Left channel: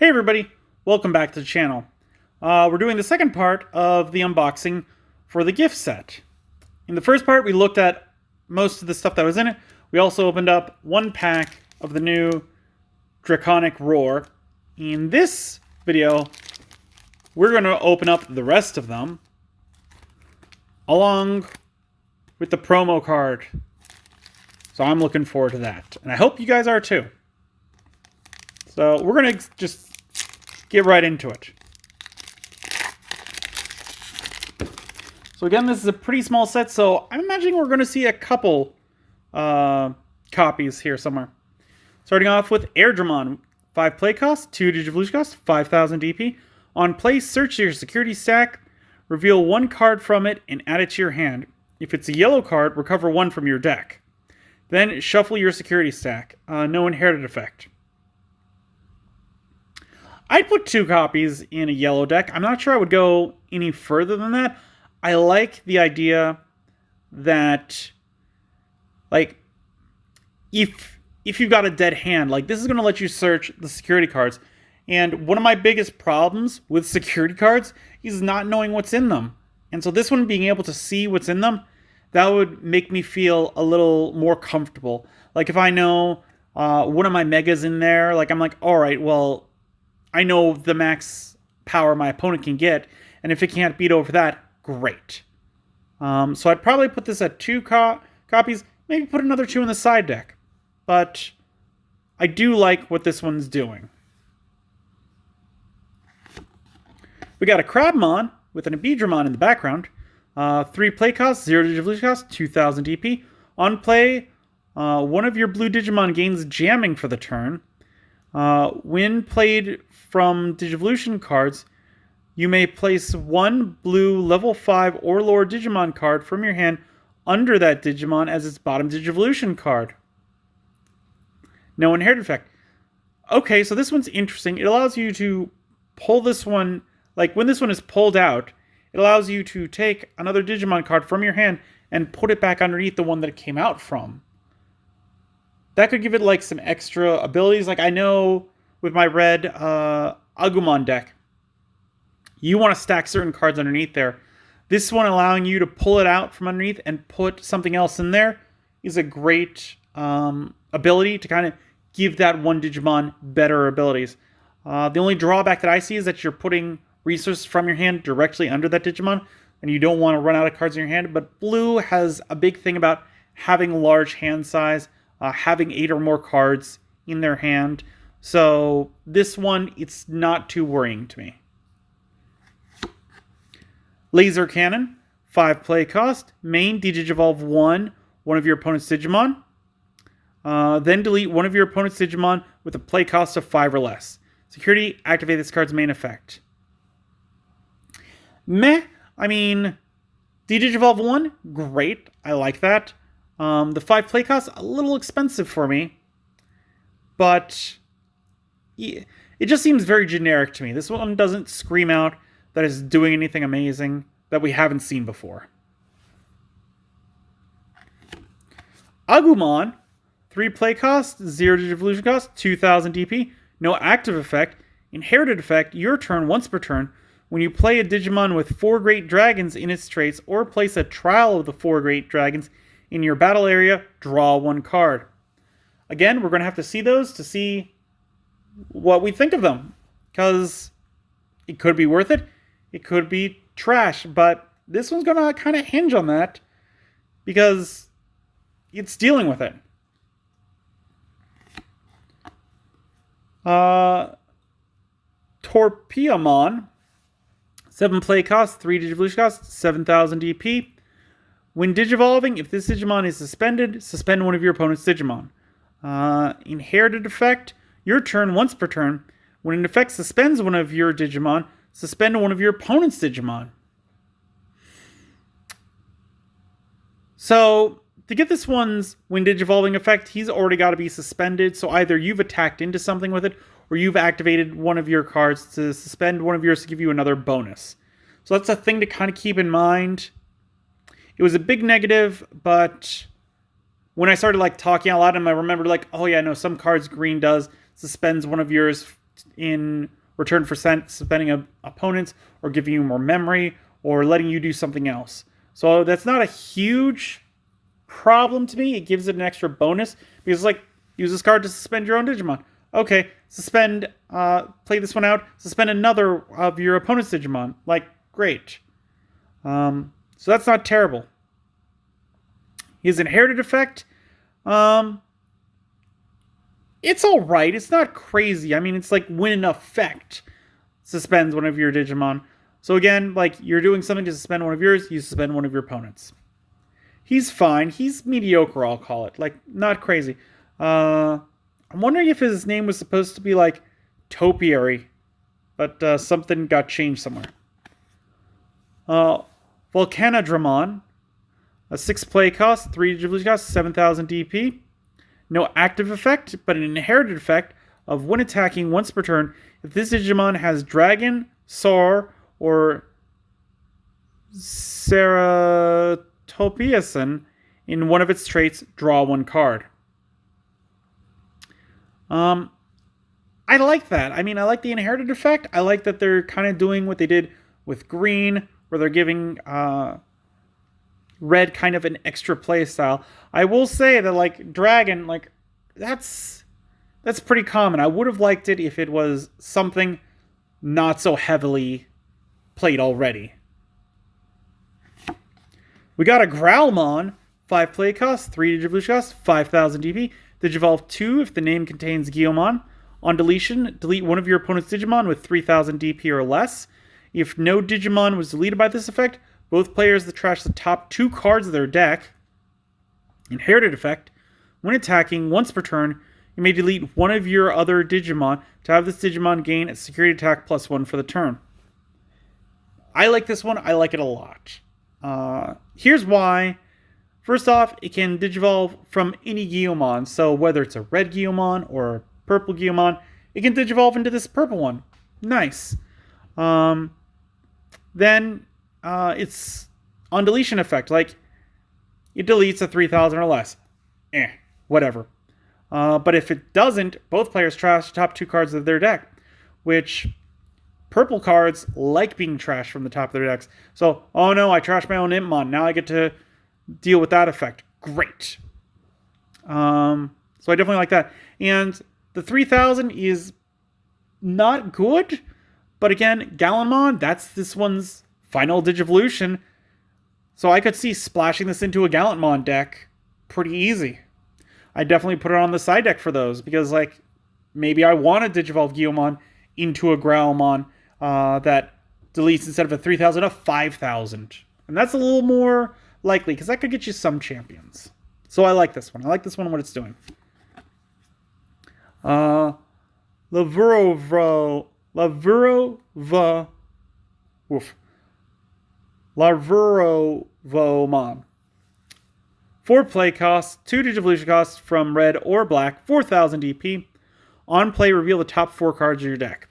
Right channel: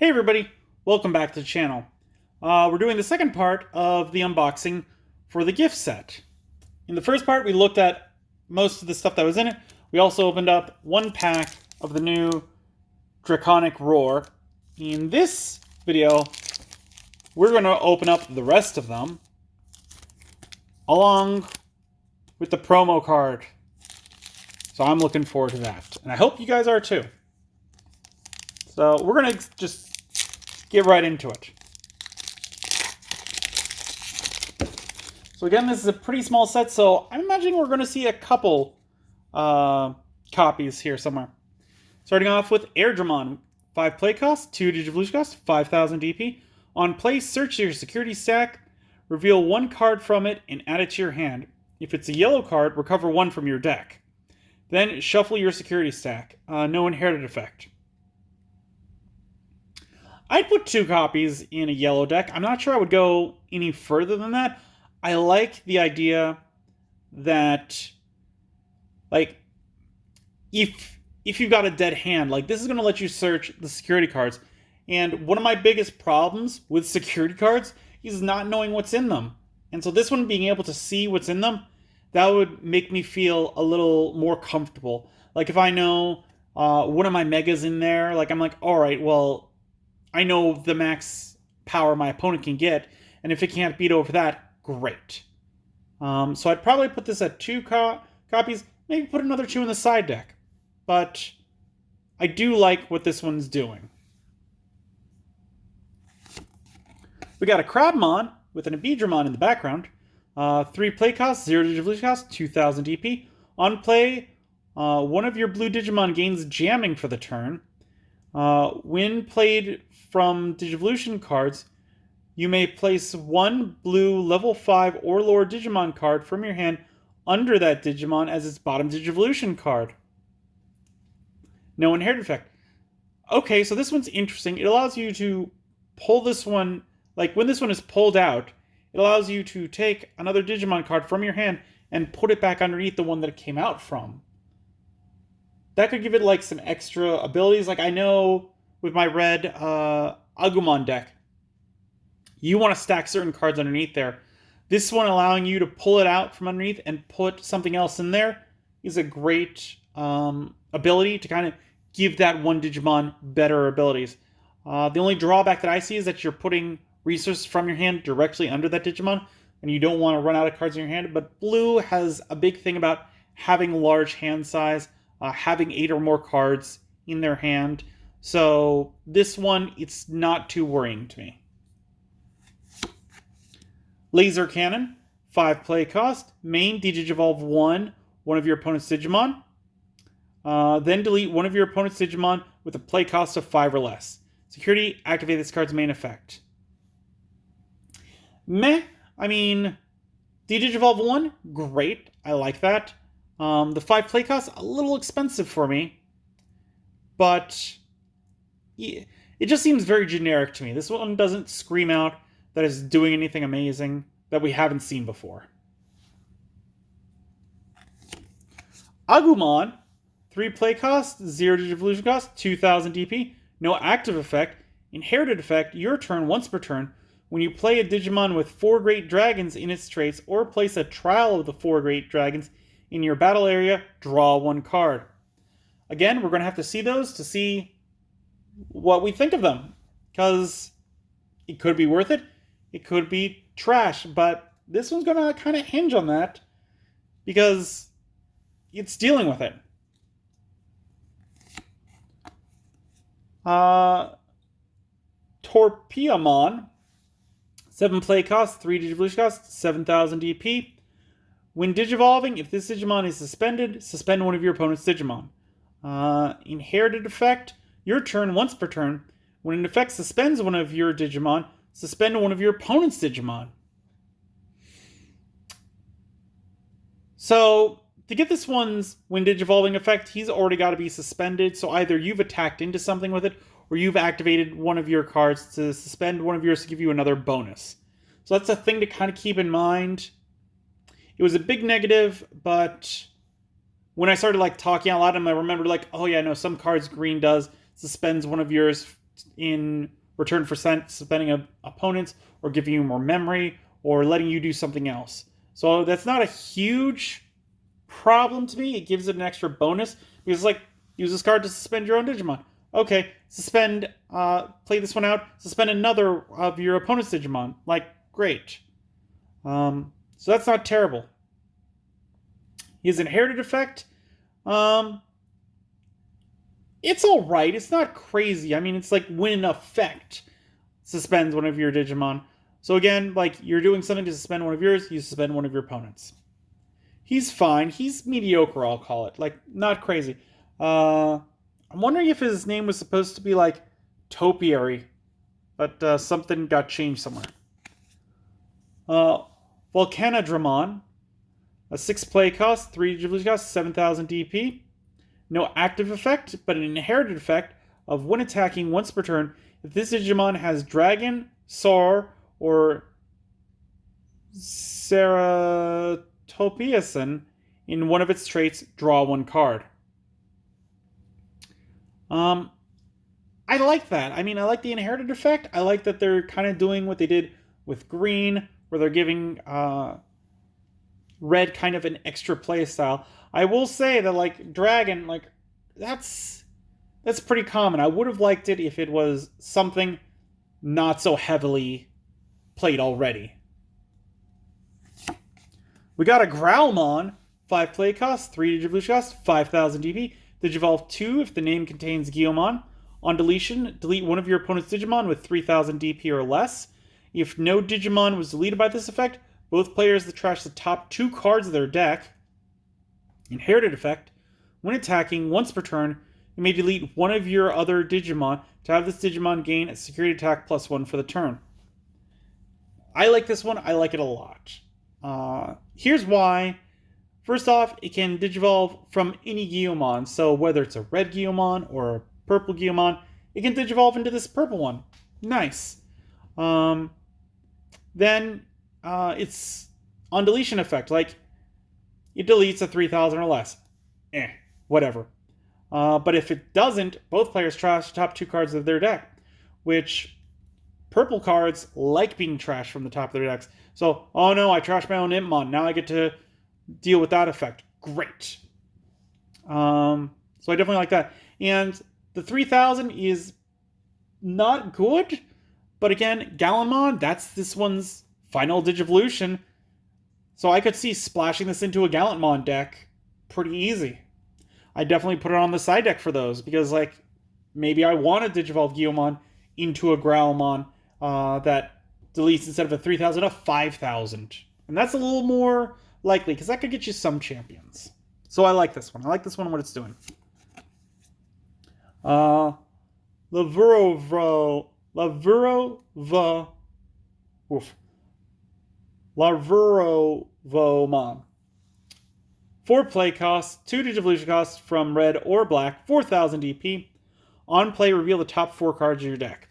Hey everybody, welcome back to the channel. We're doing the second part of the unboxing for the gift set. In the first part, we looked at most of the stuff that was in it. We also opened up one pack of the new Draconic Roar. In this video, we're going to open up the rest of them, along with the promo card. So I'm looking forward to that, and I hope you guys are too. So we're going to just get right into it. So again, this is a pretty small set, so I'm imagining we're going to see a couple copies here somewhere. Starting off with Airdramon. 5 play cost, 2 Digivolution cost, 5,000 DP. On play, search your security stack, reveal one card from it, and add it to your hand. If it's a yellow card, recover one from your deck. Then shuffle your security stack. No inherited effect. I'd put 2 copies in a yellow deck. I'm not sure I would go any further than that. I like the idea that, like, if you've got a dead hand, like, this is going to let you search the security cards. And one of my biggest problems with security cards is not knowing what's in them. And so this one, being able to see what's in them, that would make me feel a little more comfortable. Like, if I know one of my megas in there, like, I'm like, all right, well, I know the max power my opponent can get, and if it can't beat over that, great. So I'd probably put this at 2 copies, maybe put another 2 in the side deck. But I do like what this one's doing. We got a Crabmon with an Abedramon in the background. 3 play cost, 0 Digivolution cost, 2,000 DP. On play, one of your blue Digimon gains jamming for the turn. When played from Digivolution cards, you may place one blue level 5 or lower Digimon card from your hand under that Digimon as its bottom Digivolution card. No inherited effect. Okay, so this one's interesting. It allows you to pull this one, like when this one is pulled out, it allows you to take another Digimon card from your hand and put it back underneath the one that it came out from. That could give it like some extra abilities. Like, I know with my red Agumon deck, you want to stack certain cards underneath there. This one allowing you to pull it out from underneath and put something else in there is a great ability to kind of give that one Digimon better abilities. The only drawback that I see is that you're putting resources from your hand directly under that Digimon, and you don't want to run out of cards in your hand. But blue has a big thing about having large hand size, having 8 or more cards in their hand. So this one, it's not too worrying to me. Laser Cannon, 5 play cost, main Digivolve one of your opponent's Digimon. Then delete one of your opponent's Digimon with a play cost of 5 or less. Security, activate this card's main effect. Meh. I mean, Digivolve 1, great. I like that. The 5 play cost, a little expensive for me. But it just seems very generic to me. This one doesn't scream out that it's doing anything amazing that we haven't seen before. Agumon, 3 play cost, 0 Digivolution cost, 2,000 DP, no active effect. Inherited effect, your turn once per turn. When you play a Digimon with 4 Great Dragons in its traits, or place a trial of the 4 Great Dragons in your battle area, draw 1 card. Again, we're going to have to see those to see what we think of them, because it could be worth it, it could be trash, but this one's going to kind of hinge on that, because it's dealing with it. Torpiamon, 7 play cost, 3 Digivolution cost, 7,000 DP. When Digivolving, if this Digimon is suspended, suspend one of your opponent's Digimon. Inherited effect, your turn once per turn. When an effect suspends one of your Digimon, suspend one of your opponent's Digimon. So, to get this one's when Digivolving effect, he's already got to be suspended. So either you've attacked into something with it, or you've activated one of your cards to suspend one of yours to give you another bonus. So that's a thing to kind of keep in mind. It was a big negative, but when I started like talking out loud, and I remembered like, oh yeah, no, some cards green does suspends one of yours in return for suspending opponents or giving you more memory or letting you do something else. So that's not a huge problem to me. It gives it an extra bonus because, like, use this card to suspend your own Digimon. Okay, play this one out, suspend another of your opponent's Digimon. Like, great. So that's not terrible. His inherited effect, it's alright. It's not crazy. I mean, it's like when an effect suspends one of your Digimon. So again, like, you're doing something to suspend one of yours, you suspend one of your opponents. He's fine. He's mediocre, I'll call it. Like, not crazy. I'm wondering if his name was supposed to be, like, Topiary, but something got changed somewhere. Volcanodramon, a 6 play cost, 3 Ghibli cost, 7,000 DP. No active effect, but an inherited effect of when attacking once per turn. If this Digimon has Dragon, Sar, or Ceratopiason in one of its traits, draw 1 card. I like that. I mean, I like the inherited effect. I like that they're kind of doing what they did with green, where they're giving red kind of an extra play style. I will say that, like, Dragon, like, that's pretty common. I would have liked it if it was something not so heavily played already. We got a Growlmon, 5 play cost, 3 Digivolution cost, 5,000 DP. Digivolve 2 if the name contains Guiomon. On deletion, delete one of your opponent's Digimon with 3,000 DP or less. If no Digimon was deleted by this effect, both players that trash the top 2 cards of their deck. Inherited effect. When attacking once per turn, you may delete one of your other Digimon to have this Digimon gain a security attack +1 for the turn. I like this one. I like it a lot. Here's why. First off, it can Digivolve from any Guiomon. So whether it's a red Guiomon or a purple Guiomon, it can Digivolve into this purple one. Nice. Then it's on deletion effect. Like, it deletes a 3,000 or less. Whatever. But if it doesn't, both players trash the top 2 cards of their deck, which purple cards like being trashed from the top of their decks. So, oh no, I trashed my own Impmon. Now I get to deal with that effect. Great. So I definitely like that. And the 3,000 is not good, but again, Gallonmon, that's this one's final Digivolution. So I could see splashing this into a Gallantmon deck pretty easy. I definitely put it on the side deck for those, because, like, maybe I want to Digivolve Guiomon into a Growlmon that deletes, instead of a 3,000, a 5,000. And that's a little more likely, because that could get you some champions. So I like this one. I like this one, what it's doing. Lavurovomon. 4 play costs, 2 Digivolution costs from red or black, 4,000 DP. On play, reveal the top 4 cards of your deck.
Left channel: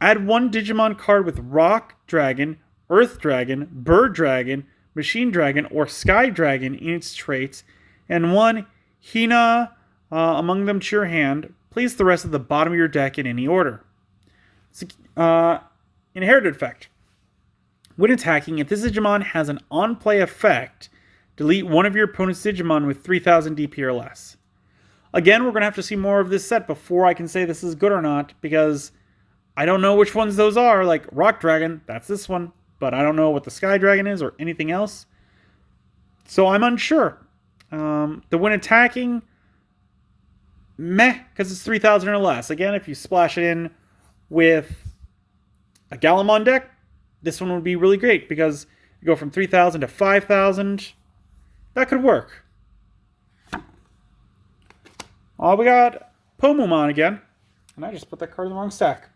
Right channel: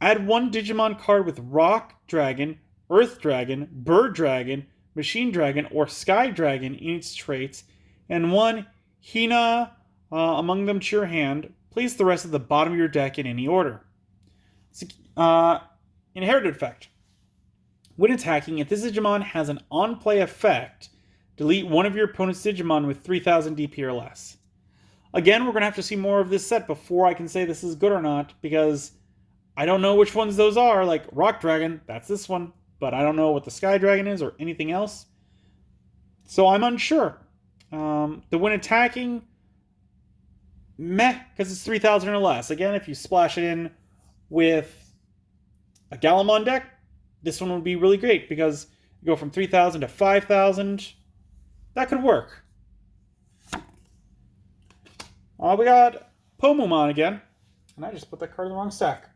Add 1 Digimon card with Rock Dragon, Earth Dragon, Bird Dragon, Machine Dragon, or Sky Dragon in its traits, and 1 Hina among them to your hand. Place the rest at the bottom of your deck in any order. Inherited effect. When attacking, if this Digimon has an on-play effect, delete one of your opponent's Digimon with 3,000 DP or less. Again, we're going to have to see more of this set before I can say this is good or not, because I don't know which ones those are. Like Rock Dragon, that's this one, but I don't know what the Sky Dragon is or anything else. So I'm unsure. The when attacking, meh, because it's 3,000 or less. Again, if you splash it in with a Gallantmon deck, this one would be really great, because you go from 3,000 to 5,000. That could work. We got Pomumon again. And I just put that card in the wrong stack.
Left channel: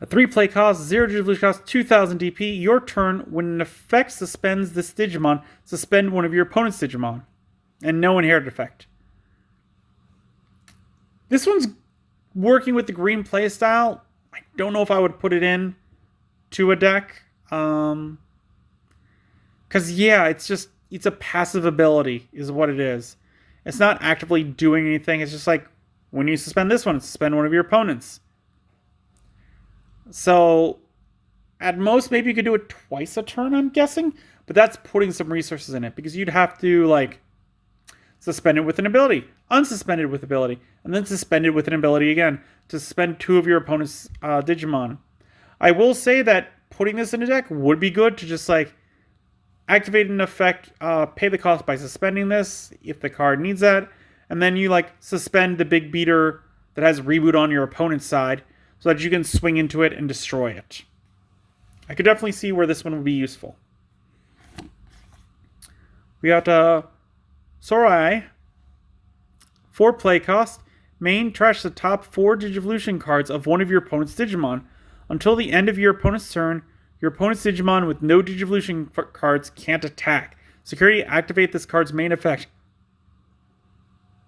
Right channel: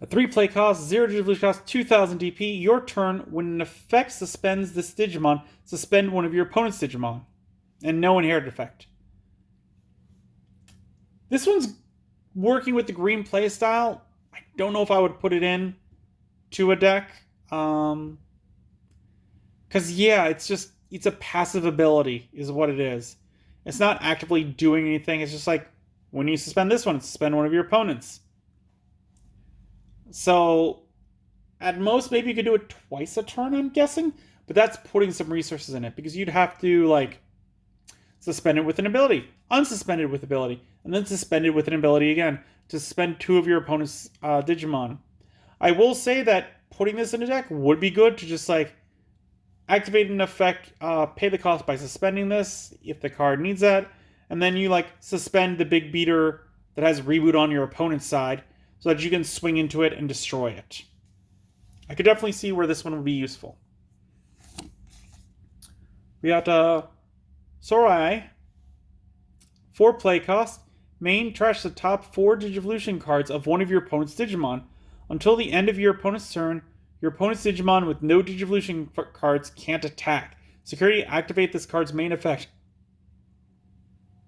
A 3 play cost, 0 Digivolution cost, 2,000 DP. Your turn, when an effect suspends this Digimon, suspend one of your opponent's Digimon. And no inherited effect. This one's working with the green playstyle. I don't know if I would put it in to a deck. Because, yeah, it's a passive ability is what it is. It's not actively doing anything. It's just like When you suspend this one, suspend one of your opponents. So, at most, maybe you could do it twice a turn, I'm guessing. But that's putting some resources in it, because you'd have to, like, suspend it with an ability, unsuspended with ability, and then suspended with an ability again to suspend two of your opponent's Digimon. I will say that putting this in a deck would be good to just, like, activate an effect, pay the cost by suspending this if the card needs that, and then you, like, suspend the big beater that has reboot on your opponent's side so that you can swing into it and destroy it. I could definitely see where this one would be useful. We got Sorai. 4 play cost. Main, trash the top 4 Digivolution cards of one of your opponent's Digimon. Until the end of your opponent's turn, your opponent's Digimon with no Digivolution cards can't attack. Security, activate this card's main effect.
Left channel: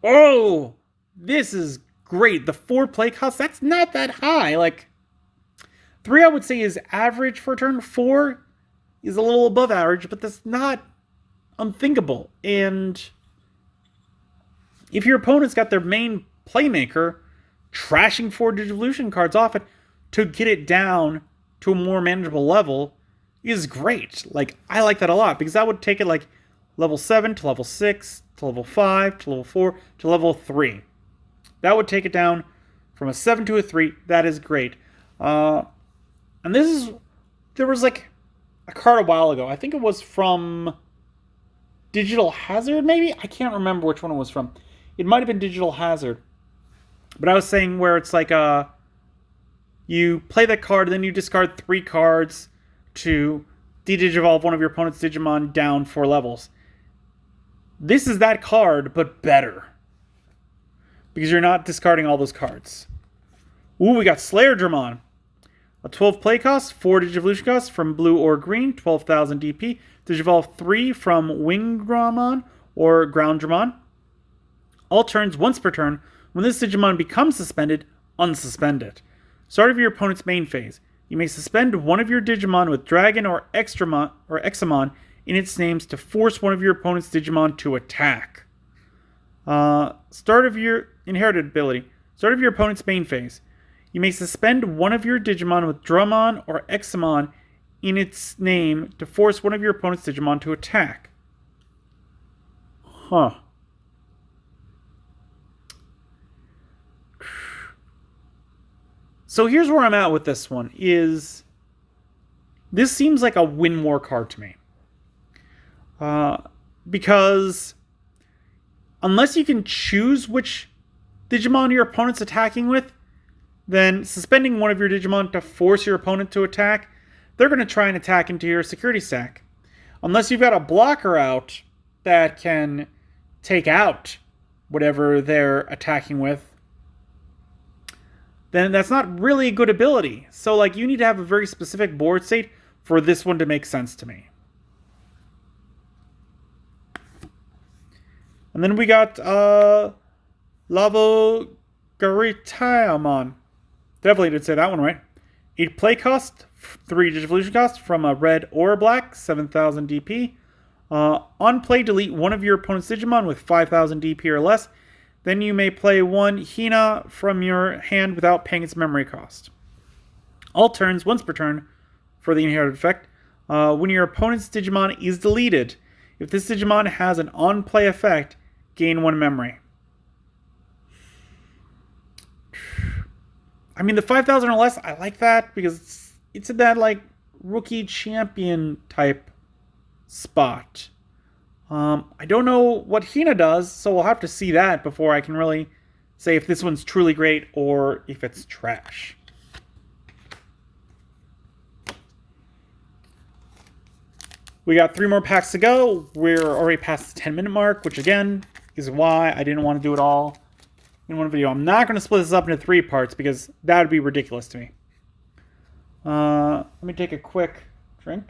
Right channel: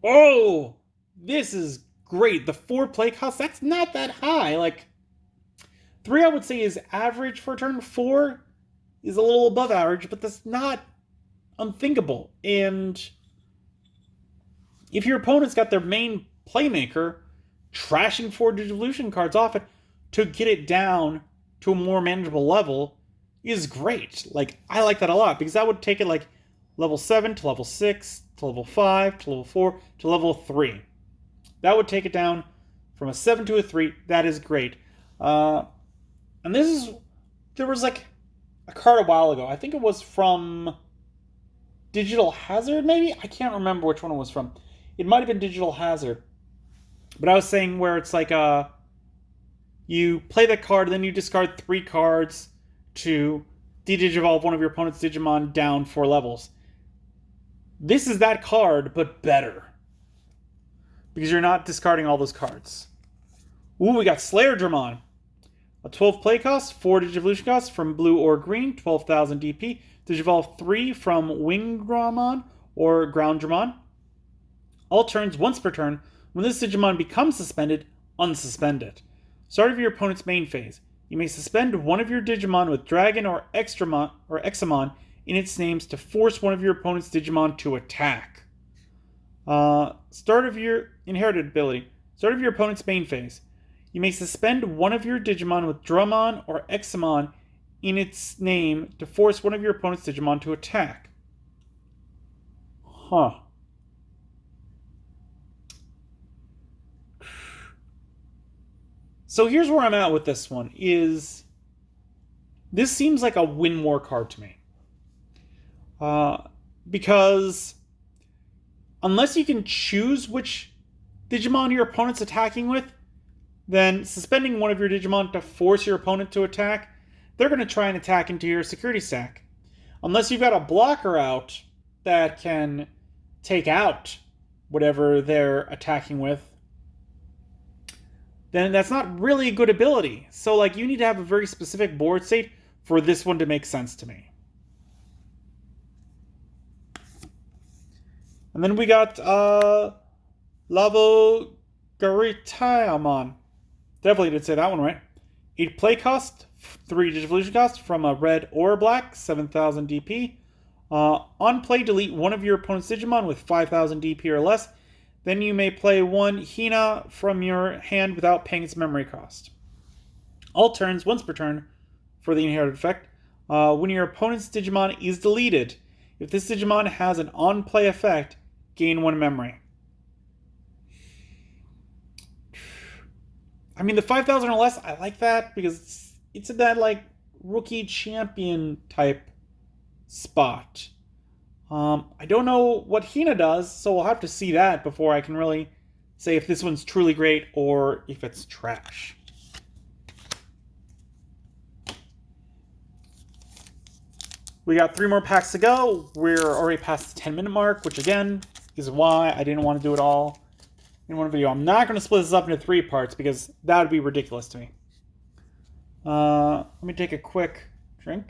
Oh! This is great. The 4 play cost, that's not that high. Like, 3 I would say is average for a turn. 4 is a little above average, but that's not unthinkable. And if your opponent's got their main playmaker trashing 4 Digivolution cards off it to get it down to a more manageable level is great. Like, I like that a lot, because that would take it like level 7 to level 6 to level 5 to level 4 to level 3. That would take it down from a 7 to a 3. That is great. And there was like a card a while ago. I think it was from Digital Hazard, maybe? I can't remember which one it was from. It might have been Digital Hazard. But I was saying where it's like you play that card, then you discard 3 cards to de-digivolve one of your opponent's Digimon down 4 levels. This is that card, but better. Because you're not discarding all those cards. Ooh, we got Slayerdramon. A 12 play cost, 4 Digivolution cost from blue or green, 12,000 DP. Digivolve 3 from Wingdramon or Grounddramon. All turns, once per turn. When this Digimon becomes suspended, unsuspend it. Start of your opponent's main phase. You may suspend one of your Digimon with Dragon or Examon in its names to force one of your opponent's Digimon to attack. Start of your inherited ability. Start of your opponent's main phase. You may suspend one of your Digimon with Drummon or Examon in its name to force one of your opponent's Digimon to attack. Huh. So here's where I'm at with this one, is this seems like a win more card to me. Because unless you can choose which Digimon your opponent's attacking with, then suspending one of your Digimon to force your opponent to attack, they're going to try and attack into your security stack. Unless you've got a blocker out that can take out whatever they're attacking with, then that's not really a good ability. So, like, you need to have a very specific board state for this one to make sense to me. And then we got Lavo Garitaamon. Definitely did say that one right. 8 play cost, 3 Digivolution cost from a red or a black, 7,000 DP. On play, delete one of your opponent's Digimon with 5,000 DP or less. Then you may play one Hina from your hand without paying its memory cost. All turns, once per turn, for the inherited effect. When your opponent's Digimon is deleted, if this Digimon has an on-play effect, gain 1 memory. I mean, the 5,000 or less, I like that because it's in that, like, rookie champion type spot. I don't know what Hina does, so we'll have to see that before I can really say if this one's truly great or if it's trash. We got 3 more packs to go. We're already past the 10-minute mark, which again is why I didn't want to do it all in one video. I'm not going to split this up into 3 parts because that would be ridiculous to me. Let me take a quick drink.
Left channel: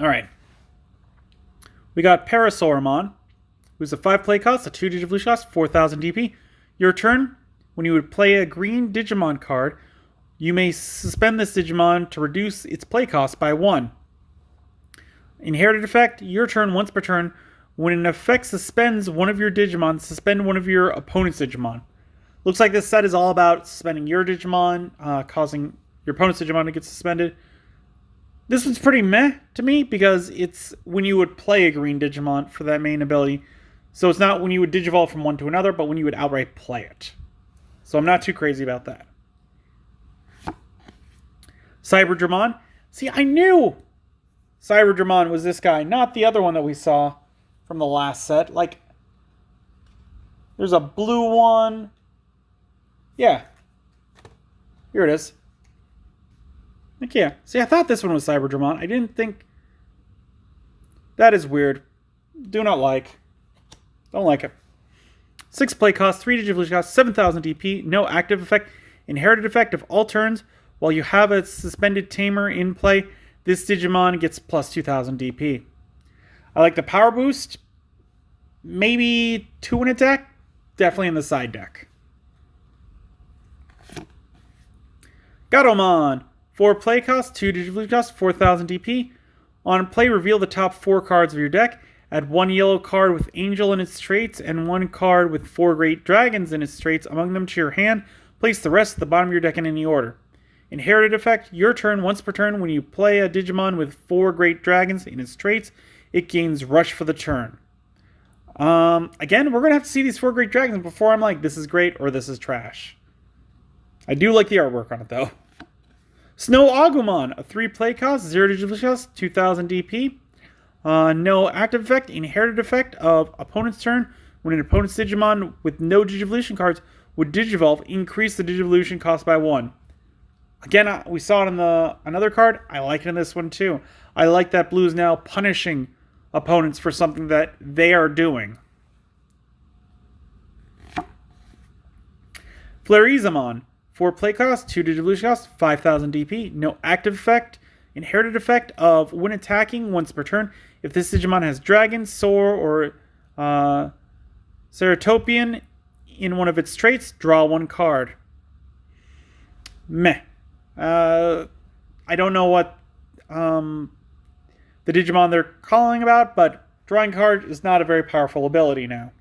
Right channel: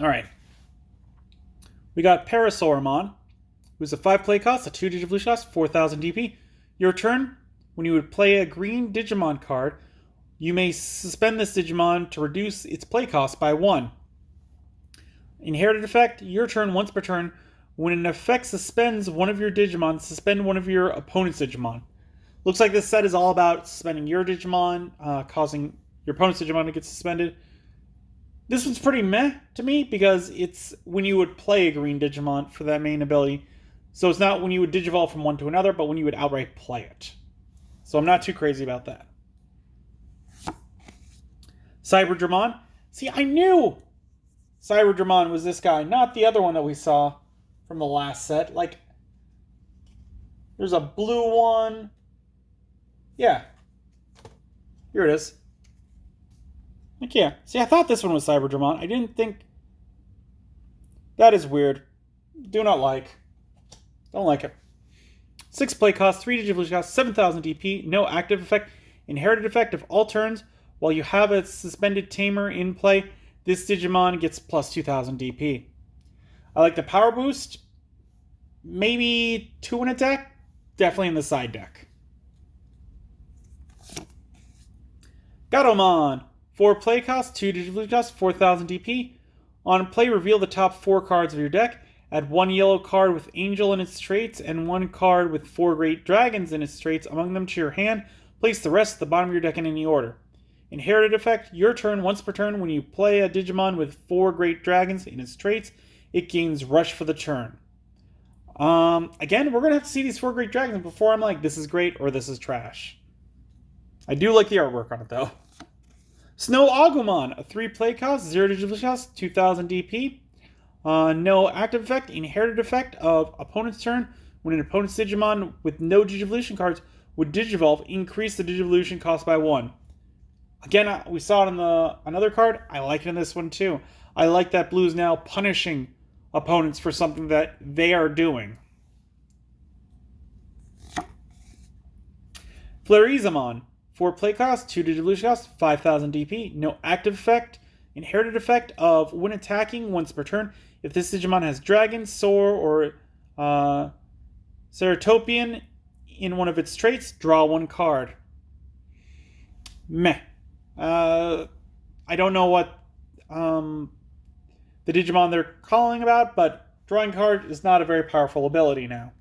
Alright. We got Parasauramon, who's a 5 play cost, a 2 Digivolution cost, 4,000 DP. Your turn, when you would play a green Digimon card, you may suspend this Digimon to reduce its play cost by 1. Inherited effect, your turn, once per turn. When an effect suspends one of your Digimon, suspend one of your opponent's Digimon. Looks like this set is all about suspending your Digimon, causing your opponent's Digimon to get suspended. This one's pretty meh to me because it's when you would play a green Digimon for that main ability. So it's not when you would Digivolve from one to another, but when you would outright play it. So I'm not too crazy about that. Cyberdramon. See, I knew Cyberdramon was this guy, not the other one that we saw from the last set. Like, there's a blue one. Yeah. Here it is. Like, yeah. See, I thought this one was Cyberdramon. I didn't think... That is weird. Do not like. Don't like it. 6 play cost, 3 Digivolution cost, 7,000 DP, no active effect, inherited effect of all turns. While you have a suspended tamer in play, this Digimon gets plus 2,000 DP. I like the power boost. Maybe 2 in a deck. Definitely in the side deck. Gatomon. 4 play cost, 2 Digivolution cost, 4,000 DP. On play, reveal the top 4 cards of your deck. Add 1 yellow card with Angel in its traits and 1 card with 4 Great Dragons in its traits among them to your hand. Place the rest at the bottom of your deck in any order. Inherited effect, your turn once per turn. When you play a Digimon with 4 Great Dragons in its traits, it gains Rush for the turn. Again, we're going to have to see these 4 Great Dragons before I'm like, this is great or this is trash. I do like the artwork on it though. Snow Agumon, a 3 play cost, 0 Digivolution cost, 2,000 DP. No active effect, inherited effect of opponent's turn. When an opponent's Digimon with no Digivolution cards would Digivolve, increase the Digivolution cost by 1. Again, we saw it in another card. I like it in this one too. I like that blue is now punishing opponents for something that they are doing. Flarizamon. 4 play cost, 2 Digivolution cost, 5,000 DP. No active effect. Inherited effect of when attacking once per turn. If this Digimon has Dragon, Soar, or Ceratopian in one of its traits, draw 1 card. Meh. I don't know what the Digimon they're calling about, but drawing card is not a very powerful ability now.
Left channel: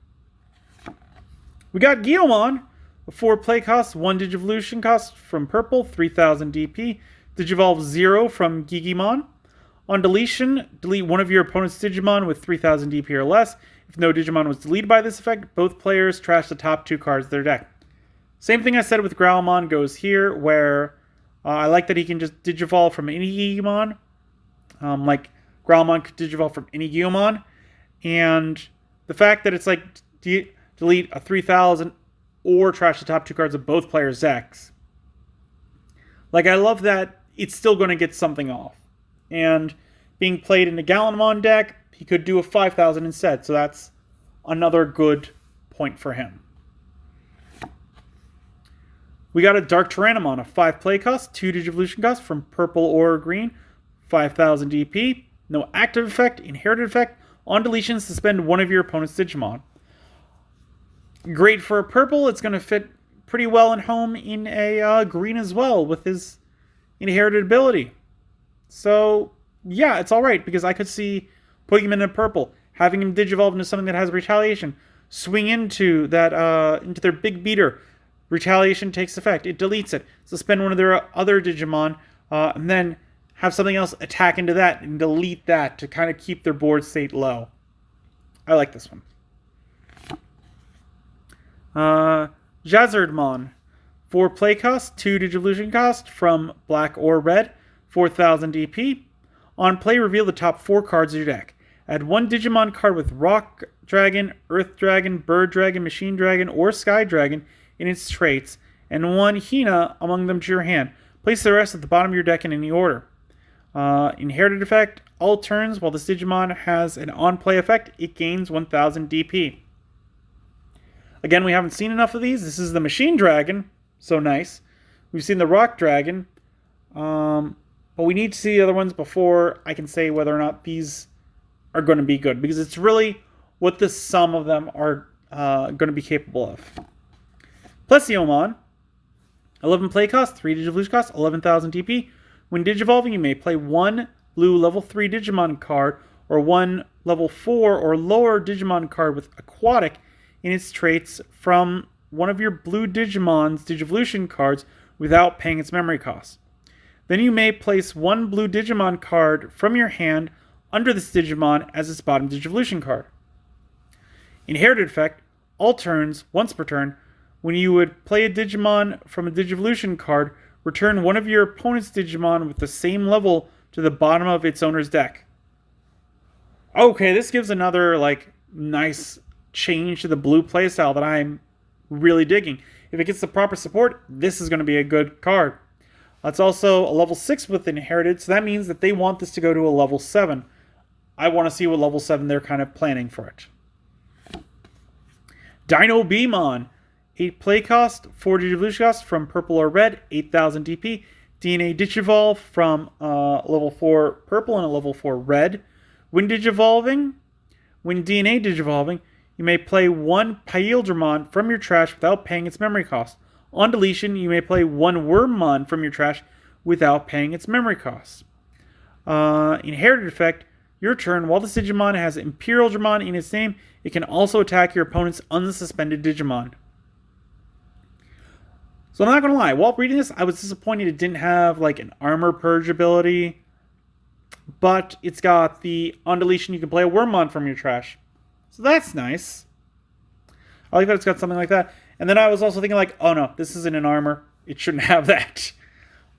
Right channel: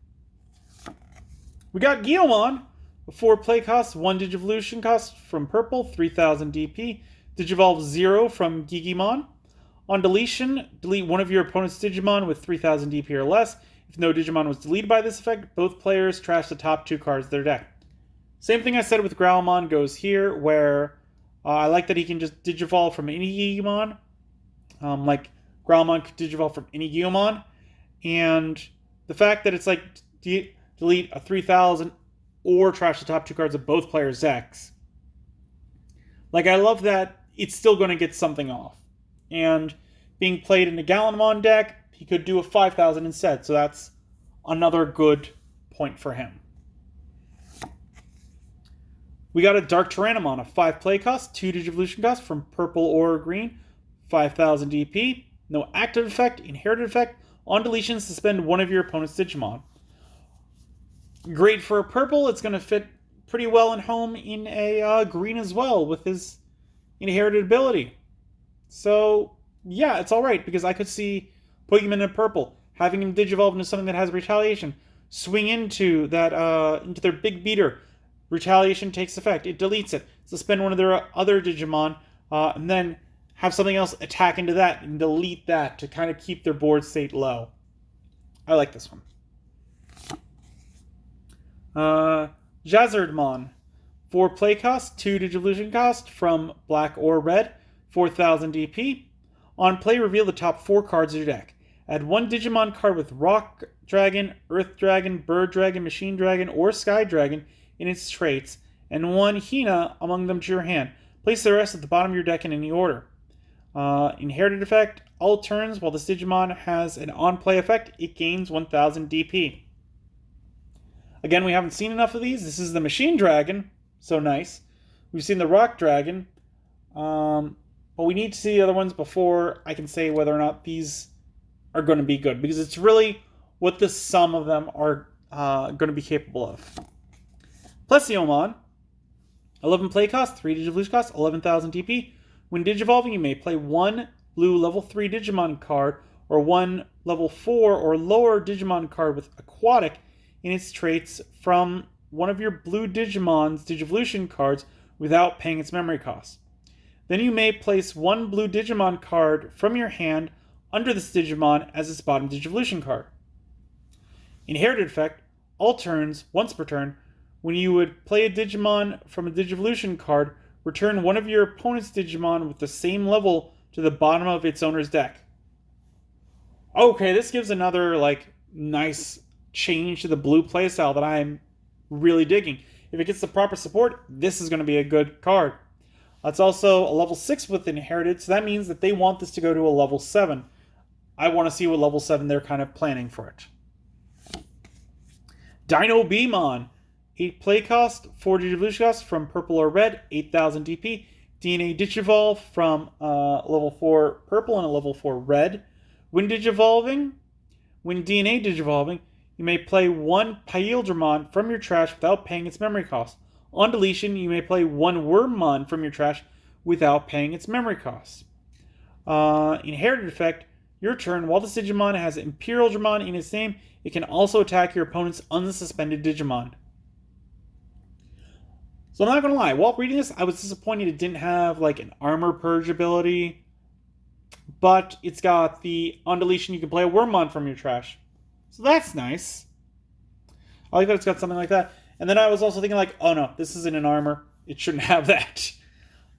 We got Guilmon. 4 play cost, 1 Digivolution cost from purple, 3,000 DP. Digivolve 0 from Gigimon. On deletion, delete one of your opponent's Digimon with 3,000 DP or less. If no Digimon was deleted by this effect, both players trash the top 2 cards of their deck. Same thing I said with Growlmon goes here, where I like that he can just Digivolve from any Gigimon. Like, Growlmon could Digivolve from any Gigimon. And the fact that it's like, delete a 3,000 or trash the top 2 cards of both players' decks. Like, I love that it's still going to get something off. And being played in a Gallantmon deck, he could do a 5,000 instead. So that's another good point for him. We got a Dark Tyrannomon, a 5 play cost, 2 Digivolution cost from purple or green, 5,000 DP. No active effect, inherited effect. On deletion, suspend one of your opponent's Digimon. Great for purple. It's going to fit pretty well in home in a green as well with his inherited ability. So, yeah, it's alright because I could see putting him in a purple, having him Digivolve into something that has retaliation, swing into that into their big beater. Retaliation takes effect. It deletes it. Suspend one of their other Digimon, and then have something else attack into that and delete that to kind of keep their board state low. I like this one. Jazzardmon. 4 play cost, 2 Digivolution cost from black or red, 4,000 DP. On play, reveal the top 4 cards of your deck. Add 1 Digimon card with Rock Dragon, Earth Dragon, Bird Dragon, Machine Dragon, or Sky Dragon in its traits, and 1 Hina among them to your hand. Place the rest at the bottom of your deck in any order. Inherited effect, all turns while this Digimon has an on-play effect, it gains 1,000 DP. Again, we haven't seen enough of these. This is the Machine Dragon, so nice. We've seen the Rock Dragon, but we need to see the other ones before I can say whether or not these are going to be good, because it's really what the sum of them are going to be capable of. Plesiomon, 11 play cost, 3 Digivolution cost, 11,000 DP. When Digivolving, you may play 1 blue level 3 Digimon card or one level 4 or lower Digimon card with Aquatic in its traits from one of your blue Digimon's Digivolution cards without paying its memory cost. Then you may place one blue Digimon card from your hand under this Digimon as its bottom Digivolution card. Inherited effect, all turns, once per turn, when you would play a Digimon from a Digivolution card, return one of your opponent's Digimon with the same level to the bottom of its owner's deck. Okay, this gives another, nice change to the blue playstyle that I'm really digging. If it gets the proper support, this is going to be a good card. It's also a level 6 with Inherited, so that means that they want this to go to a level 7. I want to see what level 7 they're kind of planning for it. Dino Beamon. 8 play cost, 4 Digivolution cost from purple or red, 8,000 DP. DNA Digivolve from level 4 purple and a level 4 red. When Digivolving, when DNA Digivolving, you may play one Paildramon from your trash without paying its memory cost. On deletion, you may play one Wormmon from your trash without paying its memory cost. Inherited effect, your turn, while this Digimon has Imperial Dramon in its name, it can also attack your opponent's unsuspended Digimon. So I'm not going to lie, while reading this, I was disappointed it didn't have an armor purge ability. But it's got the on deletion, you can play a Wormmon from your trash. So that's nice. I like that it's got something like that. And then I was also thinking oh no, this isn't an armor. It shouldn't have that.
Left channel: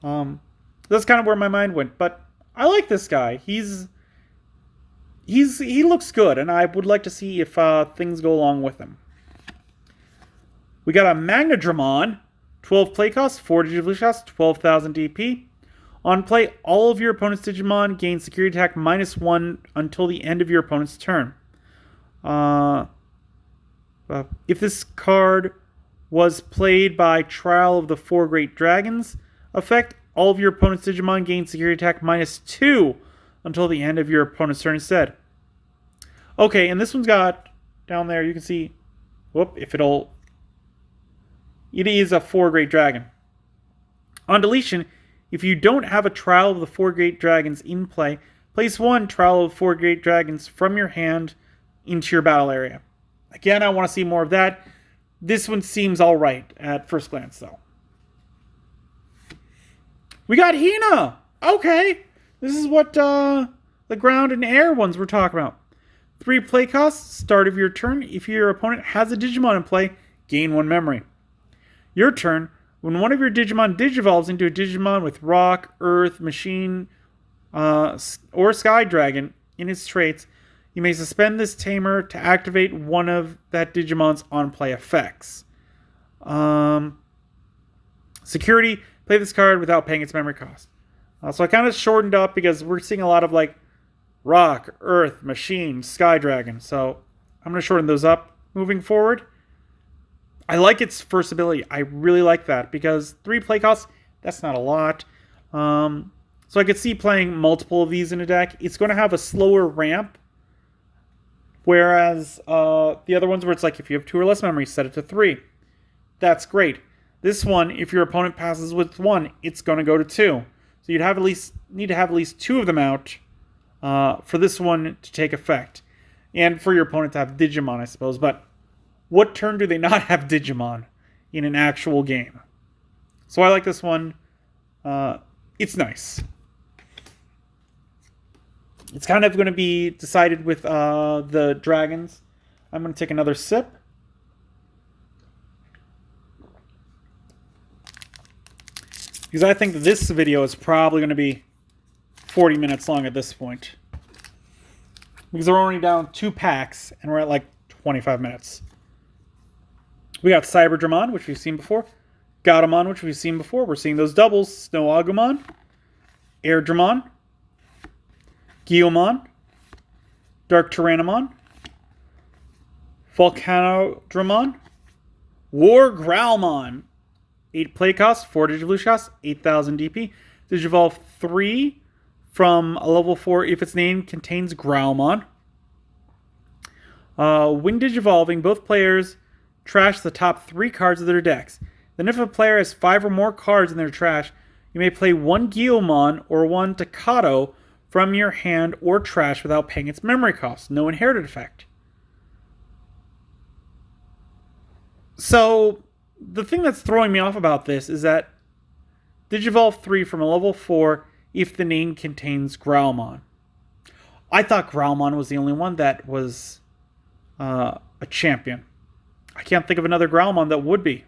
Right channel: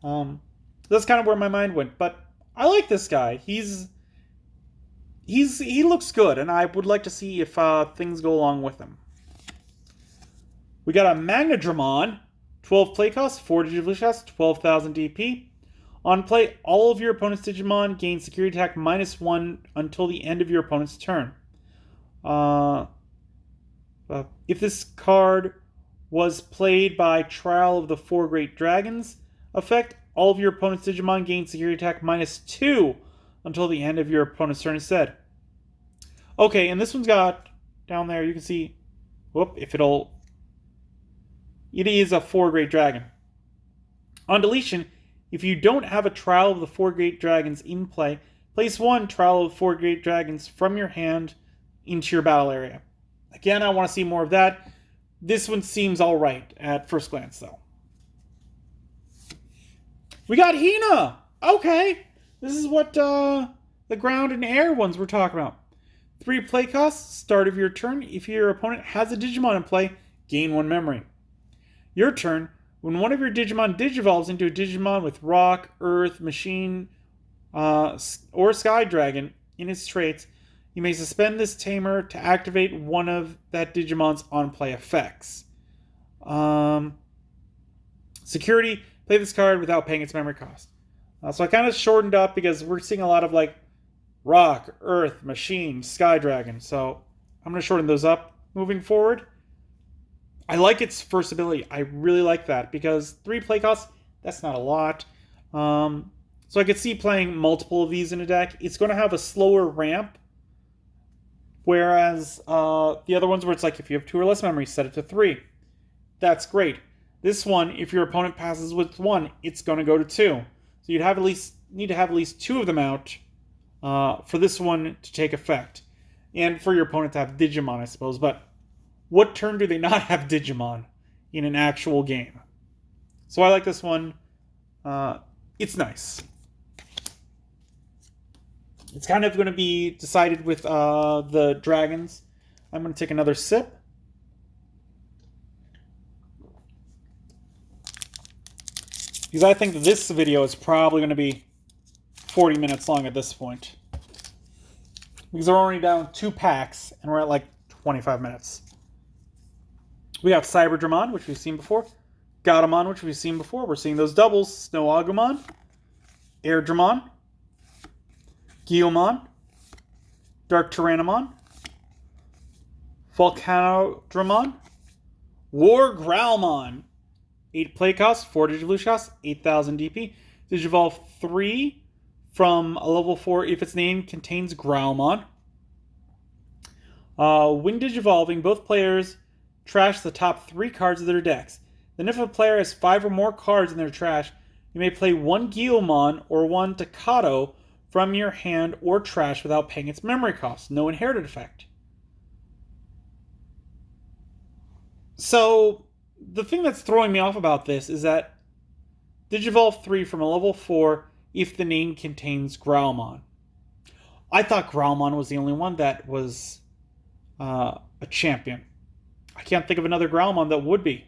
That's kind of where my mind went. But I like this guy. He looks good, and I would like to see if things go along with him. We got a Magnadramon, 12 play cost, 4 Digivolution cost, 12,000 DP. On play, all of your opponent's Digimon gain security attack -1 until the end of your opponent's turn. If this card was played by Trial of the Four Great Dragons effect, all of your opponent's Digimon gain security attack -2 until the end of your opponent's turn instead. Okay, and this one's got, down there, you can see, it is a Four Great Dragon. On deletion, if you don't have a Trial of the Four Great Dragons in play, place one Trial of the Four Great Dragons from your hand into your battle area. Again, I want to see more of that. This one seems alright at first glance, though. We got Hina! Okay! This is what the ground and air ones we're talking about. 3 play costs, start of your turn. If your opponent has a Digimon in play, gain 1 memory. Your turn, when one of your Digimon digivolves into a Digimon with Rock, Earth, Machine, or Sky Dragon in its traits, you may suspend this tamer to activate one of that Digimon's on-play effects. Security, play this card without paying its memory cost. So I kind of shortened up because we're seeing a lot of Rock, Earth, Machine, Sky Dragon. So I'm going to shorten those up moving forward. I like its first ability. I really like that because 3 play costs, that's not a lot. So I could see playing multiple of these in a deck. It's going to have a slower ramp. Whereas the other ones where it's if you have 2 or less memories, set it to 3. That's great. This one, if your opponent passes with 1, it's going to go to 2. So you'd need to have at least 2 of them out for this one to take effect. And for your opponent to have Digimon, I suppose. But what turn do they not have Digimon in an actual game? So I like this one. It's nice. It's kind of going to be decided with the dragons. I'm going to take another sip. Because I think this video is probably going to be 40 minutes long at this point. Because we're only down 2 packs, and we're at 25 minutes. We got Cyberdramon, which we've seen before. Gatomon, which we've seen before. We're seeing those doubles. Snow Agumon. Airdramon. Guilmon. Dark Tyrannomon. Volcanodramon. War Growlmon. 8 play cost, 4 Digivolution cost, 8,000 DP. Digivolve 3 from a level 4 if its name contains Growlmon. When Digivolving, both players trash the top 3 cards of their decks. Then if a player has 5 or more cards in their trash, you may play one Guilmon or one Takato from your hand or trash without paying its memory cost. No inherited effect. So, the thing that's throwing me off about this is that Digivolve 3 from a level 4 if the name contains Growlmon. I thought Growlmon was the only one that was a champion. I can't think of another Growlmon that would be.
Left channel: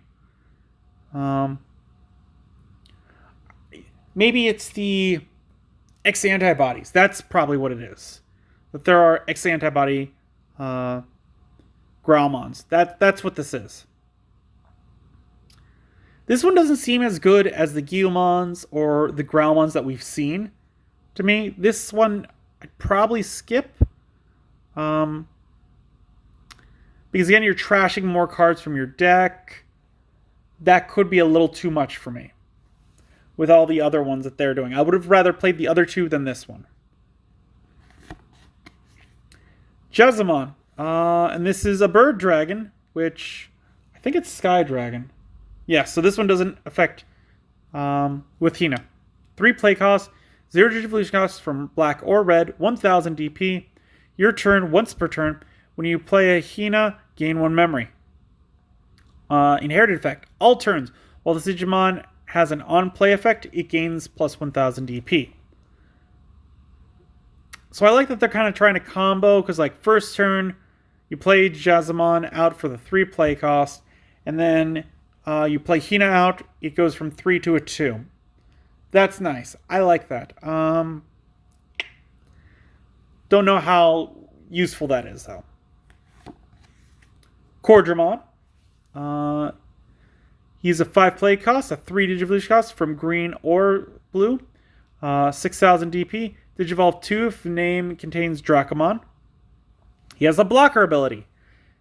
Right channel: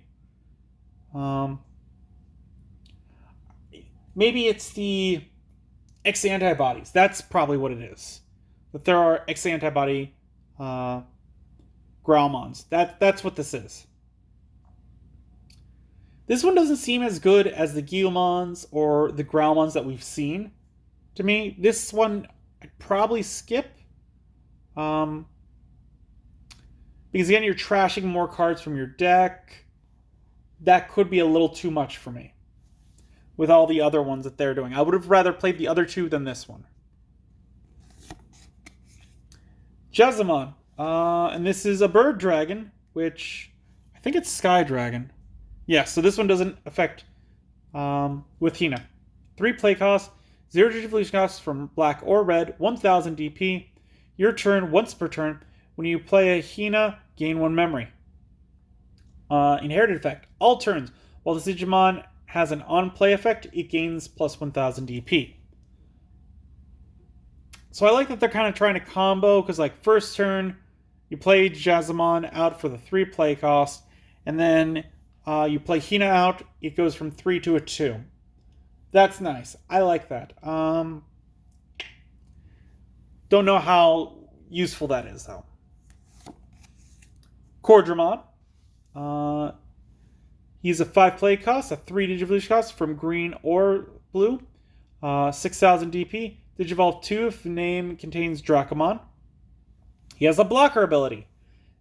Maybe it's the X antibodies. That's probably what it is. That there are X antibody Growlmons. That's what this is. This one doesn't seem as good as the Guilmons or the Growlmons that we've seen. To me, this one I'd probably skip. Because again, you're trashing more cards from your deck. That could be a little too much for me. With all the other ones that they're doing. I would have rather played the other two than this one. Jazamon. And this is a bird dragon, which I think it's Sky Dragon. Yeah, so this one doesn't affect with Hina. 3 play costs, 0 digivolution costs from black or red, 1000 DP. Your turn, once per turn. When you play a Hina, gain 1 memory. Inherited effect. All turns. While the Digimon has an on-play effect, it gains plus 1000 DP. So I like that they're kind of trying to combo, because like first turn, you play Jazamon out for the 3 play cost, and then you play Hina out, it goes from 3 to a 2. That's nice. I like that. Don't know how useful that is, though. Cordramon. He's a 5 play cost, a 3 Digivolution cost from green or blue. 6000 DP. Digivolve 2 if the name contains Dracomon. He has a blocker ability.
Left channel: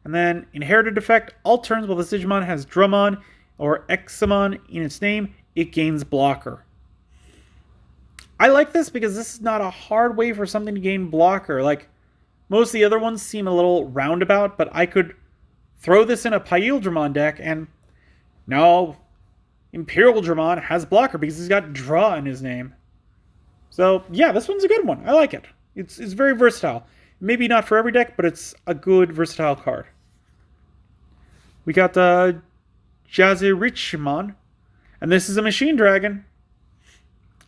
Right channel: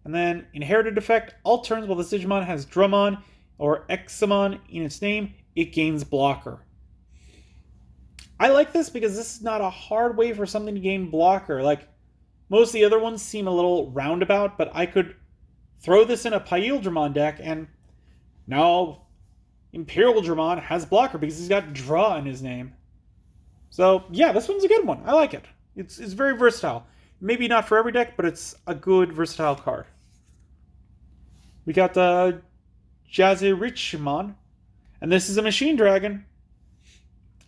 And then inherited effect. All turns while the Digimon has Drummon or Examon in its name, it gains blocker. I like this because this is not a hard way for something to gain blocker. Like, most of the other ones seem a little roundabout, but I could throw this in a Paildramon deck, and now Imperial Dramon has blocker because he's got Draw in his name. So, yeah, this one's a good one. I like it. It's very versatile. Maybe not for every deck, but it's a good, versatile card. We got the Jazirichimon, and this is a Machine Dragon.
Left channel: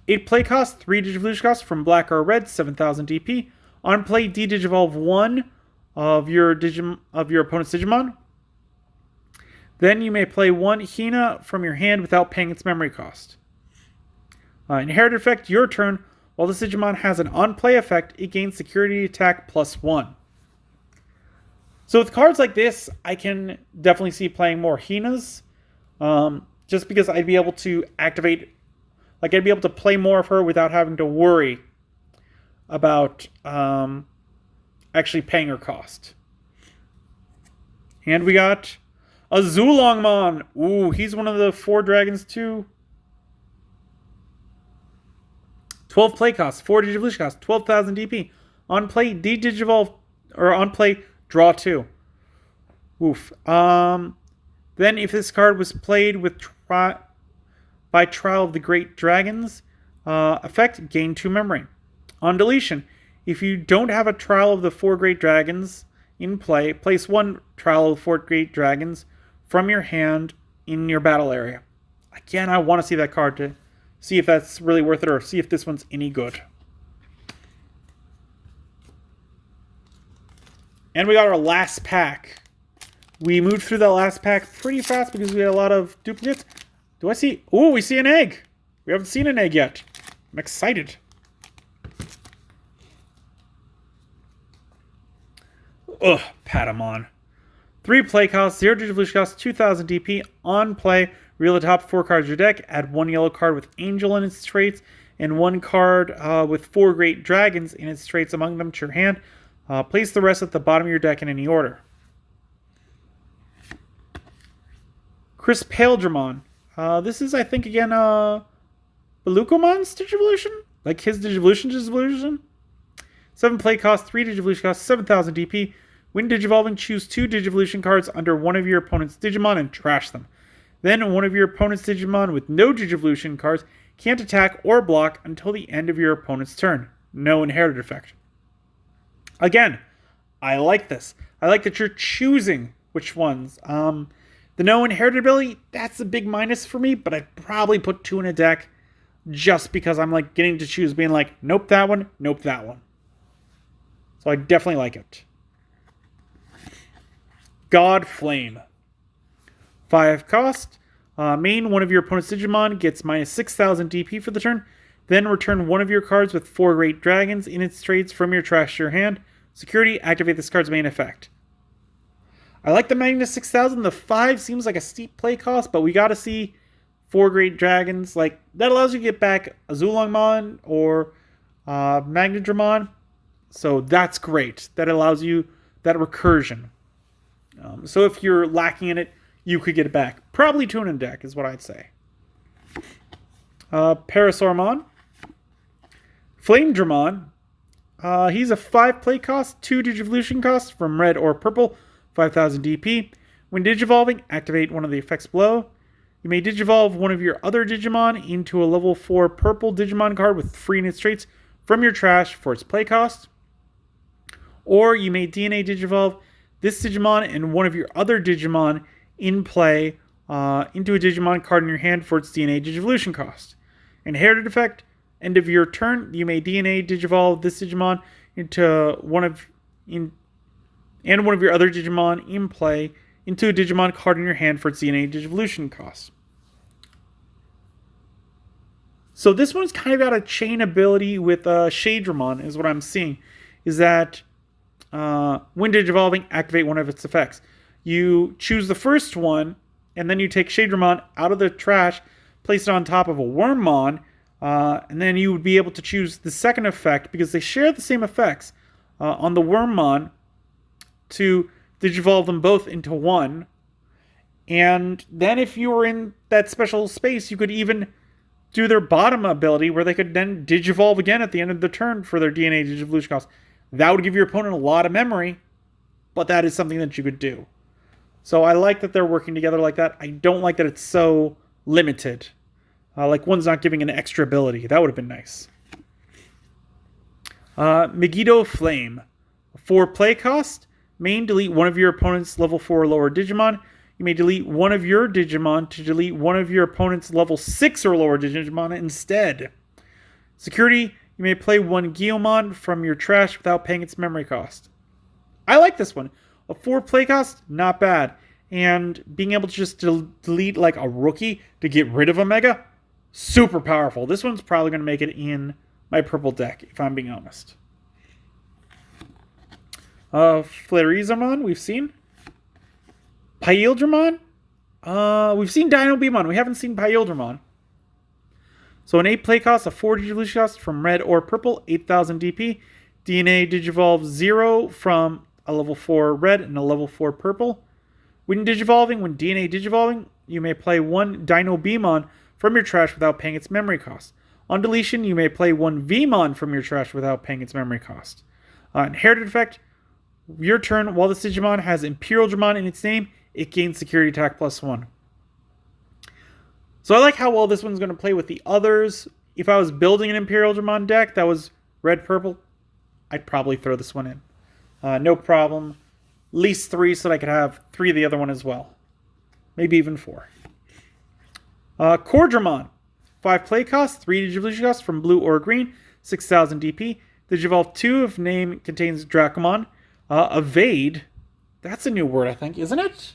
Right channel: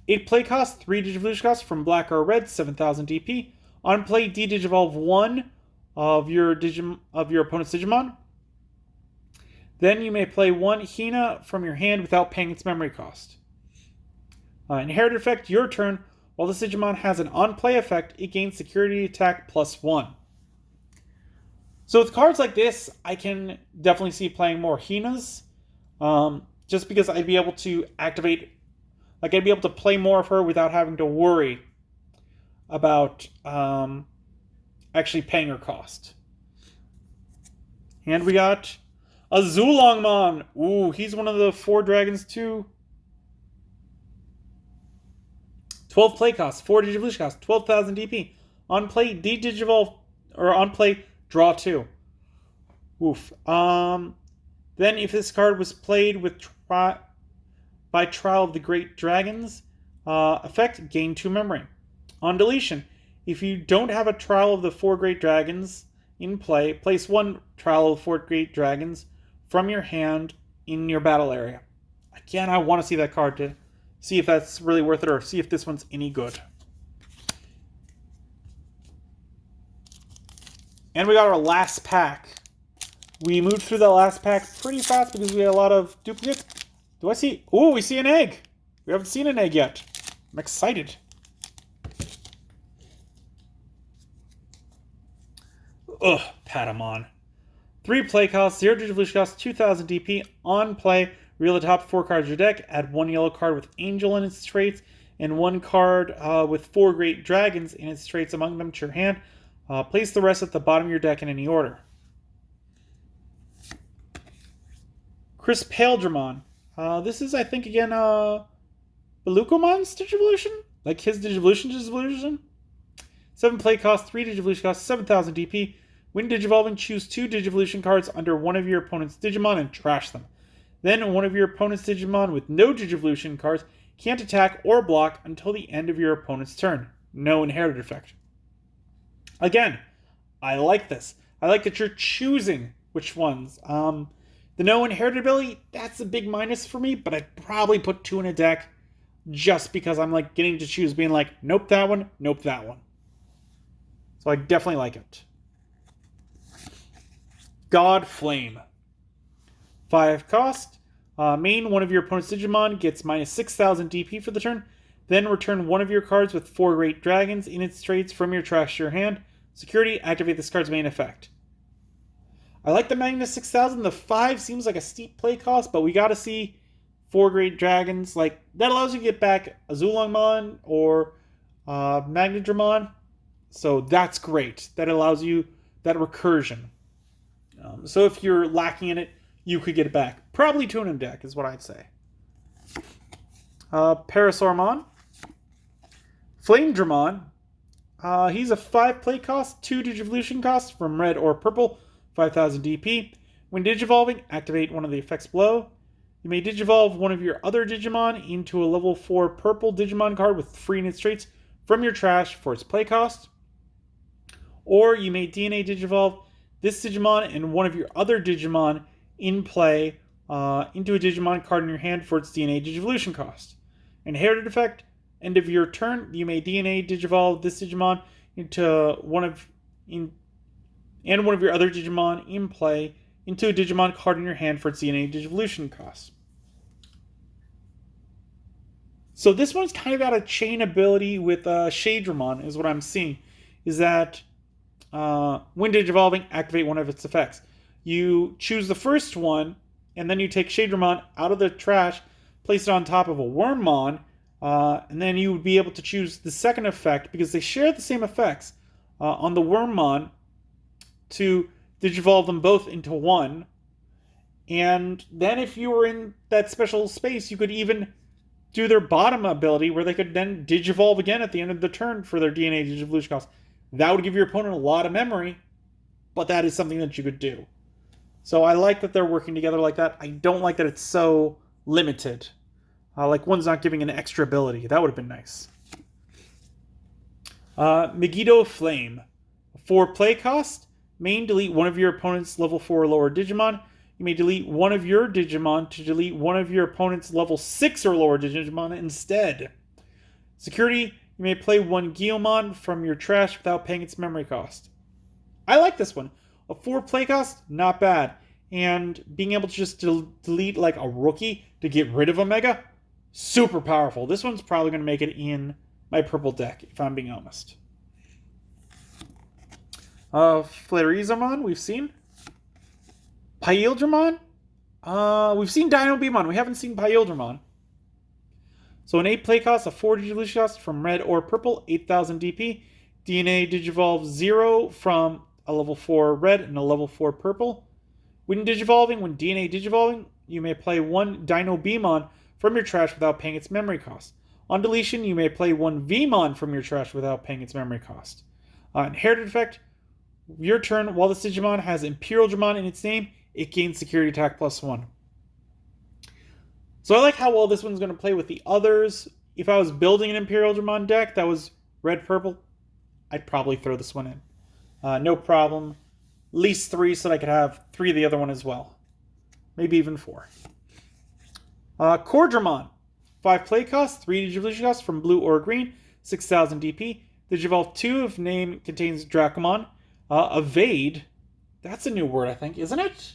8 play cost, 3 Digivolution cost from black or red, 7000 DP. On play, D-Digivolve 1 of your opponent's Digimon. Then you may play 1 Hina from your hand without paying its memory cost. Inherited effect, your turn. While this Digimon has an on-play effect, it gains security attack +1. So with cards like this, I can definitely see playing more Hinas. Just because I'd be able to activate... Like, I'd be able to play more of her without having to worry about actually paying her cost. And we got a Zulongmon. Ooh, he's one of the 4 dragons too. 12 play cost, 4 Digivolution cost, 12,000 DP. On play, D-Digivolve, or on play, draw 2. Oof. Then if this card was played with by Trial of the Great Dragons, effect, gain 2 memory. On deletion, if you don't have a Trial of the 4 Great Dragons in play, place 1 Trial of the 4 Great Dragons from your hand in your battle area. Again, I want to see that card to see if that's really worth it, or see if this one's any good. And we got our last pack. We moved through that last pack pretty fast because we had a lot of duplicates. Do I see... Ooh, we see an egg. We haven't seen an egg yet. I'm excited. Ugh, Patamon. 3 play cost, 0 Digivolution cost, 2000 DP. On play, reel the top 4 cards of your deck. Add 1 yellow card with Angel in its traits, and 1 card with 4 Great Dragons in its traits among them to your hand. Place the rest at the bottom of your deck in any order. Chris Paildramon. This is, I think, again, Belucomon's Digivolution? Like his Digivolution? 7 play cost, 3 Digivolution cost, 7000 DP. When Digivolving, choose 2 Digivolution cards under one of your opponent's Digimon and trash them. Then one of your opponent's Digimon with no Digivolution cards can't attack or block until the end of your opponent's turn. no inherited effect. Again, I like this. I like that you're choosing which ones. The no inherited ability, that's a big minus for me, but I'd probably put 2 in a deck just because I'm like getting to choose, being like, nope, that one, nope, that one. So I definitely like it. God Flame. 5 cost. Main one of your opponent's Digimon gets minus 6,000 DP for the turn. Then return one of your cards with 4 Great Dragons in its traits from your trash to your hand. Security, activate this card's main effect. I like the minus 6,000. The 5 seems like a steep play cost, but we got to see 4 Great Dragons. Like, that allows you to get back a Zulongmon or Magnadramon. So that's great. That allows you that recursion. So if you're lacking in it, you could get it back. Probably 2 in a deck is what I'd say. Parasaurmon. Flamedramon. He's a 5 play cost, 2 Digivolution cost from red or purple, 5,000 DP. When Digivolving, activate one of the effects below. You may Digivolve one of your other Digimon into a level 4 purple Digimon card with 3 in its traits from your trash for its play cost. Or you may DNA Digivolve this Digimon and one of your other Digimon in play into a Digimon card in your hand for its DNA Digivolution cost. Inherited effect, end of your turn, you may DNA Digivolve this Digimon into one of your other Digimon in play into a Digimon card in your hand for its DNA Digivolution cost. So this one's kind of got a chain ability with Shadramon, is what I'm seeing. Is that when Digivolving, activate one of its effects. You choose the first one, and then you take Shadramon out of the trash, place it on top of a Wormmon, and then you would be able to choose the second effect, because they share the same effects, on the Wormmon, to Digivolve them both into one. And then if you were in that special space, you could even do their bottom ability, where they could then Digivolve again at the end of the turn for their DNA Digivolution cost. That would give your opponent a lot of memory, but that is something that you could do. So I like that they're working together like that. I don't like that it's so limited. Like one's not giving an extra ability. That would have been nice. Megiddo Flame. 4 play cost. Main, delete one of your opponent's level 4 or lower Digimon. You may delete one of your Digimon to delete one of your opponent's level 6 or lower Digimon instead. Security, you may play one Guilmon from your trash without paying its memory cost. I like this one. A 4 play cost, not bad. And being able to just delete like a rookie to get rid of a Mega, super powerful. This one's probably going to make it in my purple deck, if I'm being honest. Flarizamon, we've seen. Pyildramon? We've seen Dino-Beamon. We haven't seen Pyildramon. So an 8 play cost, a 4 Digivolution cost from red or purple, 8,000 DP. DNA Digivolve 0 from a level 4 red and a level 4 purple. When DNA Digivolving, you may play one Dino-Beamon from your trash without paying its memory cost. On deletion, you may play one Vmon from your trash without paying its memory cost. Inherited effect, your turn, while this Digimon has Imperial Dramon in its name, it gains security attack +1. So I like how well this one's going to play with the others. If I was building an Imperial Dramon deck that was red-purple, I'd probably throw this one in. No problem. At least 3 so that I could have 3 of the other one as well. Maybe even 4. Cordramon. 5 play cost, 3 Digivolution cost from blue or green, 6,000 DP. Digivolve 2 if name contains Dracomon. Evade. That's a new word, I think, isn't it?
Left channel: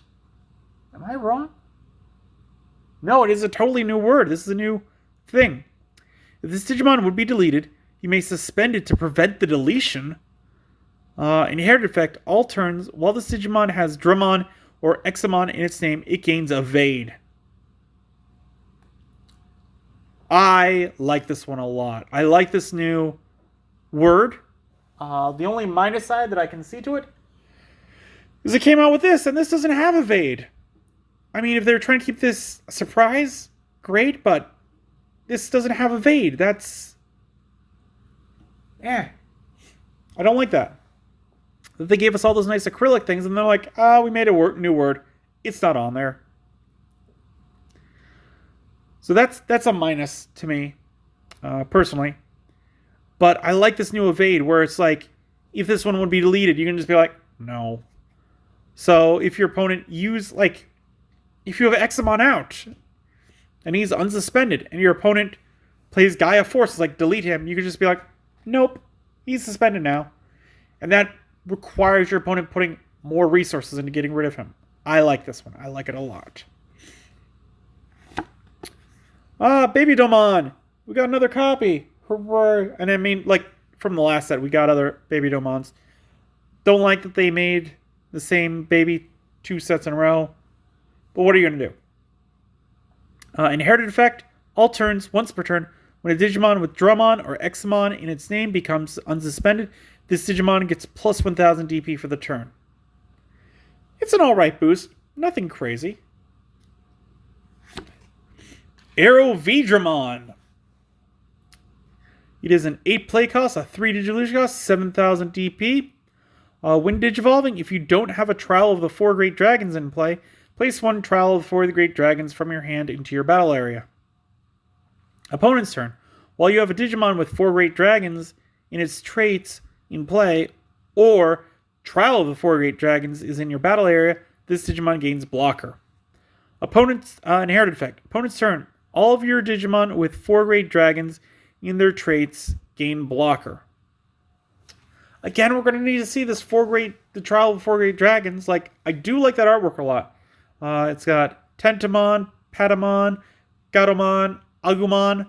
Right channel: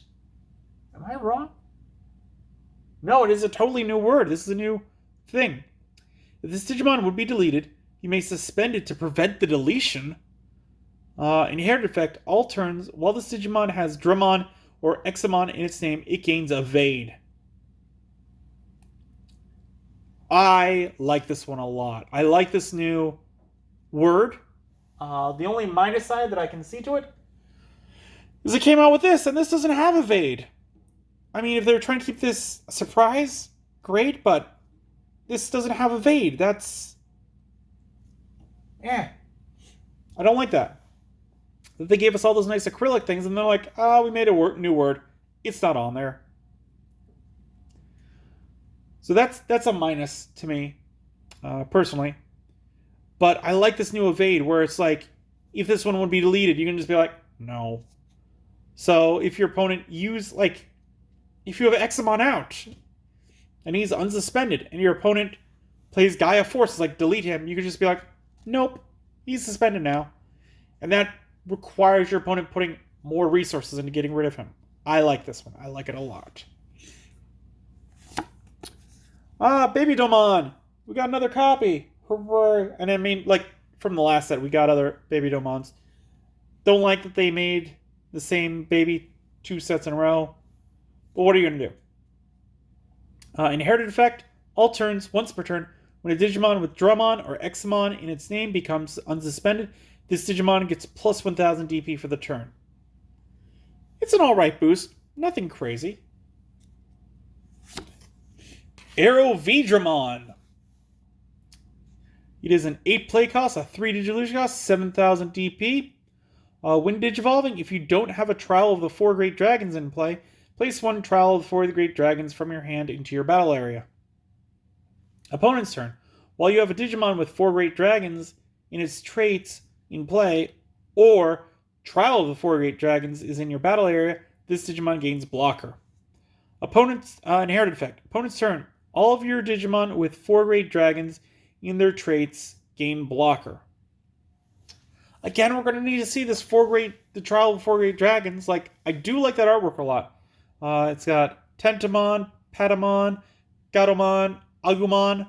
Am I wrong? No, it is a totally new word. This is a new thing. If this Digimon would be deleted, you may suspend it to prevent the deletion. Inherited effect, all turns, while this Digimon has Dramon or Examon in its name, it gains Evade. I like this one a lot. I like this new word. The only minus side that I can see to it is it came out with this, and this doesn't have Evade. I mean, if they're trying to keep this a surprise, great, but this doesn't have Evade. That's... I don't like that. They gave us all those nice acrylic things, and they're like, we made a new word. It's not on there. So that's a minus to me, personally. But I like this new evade where it's like, if this one would be deleted, you can just be like, no. So if your opponent if you have Examon out and he's unsuspended and your opponent plays Gaia Force, like delete him, you can just be like, nope, he's suspended now. And that requires your opponent putting more resources into getting rid of him. I like this one. I like it a lot. Baby Domon. We got another copy. Hooray. And I mean, like, from the last set, we got other Baby Domons. Don't like that they made the same baby 2 sets in a row. But what are you going to do? Inherited effect. All turns, once per turn, when a Digimon with Drummon or Examon in its name becomes unsuspended, this Digimon gets plus 1000 DP for the turn. It's an alright boost. Nothing crazy. Arrow Vidramon. It is an 8 play cost, a 3 Digivolution cost, 7000 DP. When Digivolving, if you don't have a Trial of the 4 Great Dragons in play, place 1 Trial of the 4 Great Dragons from your hand into your battle area. Opponent's turn. While you have a Digimon with 4 Great Dragons in its traits in play, or Trial of the 4 Great Dragons is in your battle area, this Digimon gains Blocker. Opponent's Inherited effect. Opponent's turn. All of your Digimon with 4 Great Dragons in their traits gain Blocker. Again, we're going to need to see this the Trial of the 4 Great Dragons. Like, I do like that artwork a lot. It's got Tentamon, Patamon, Gatomon, Agumon.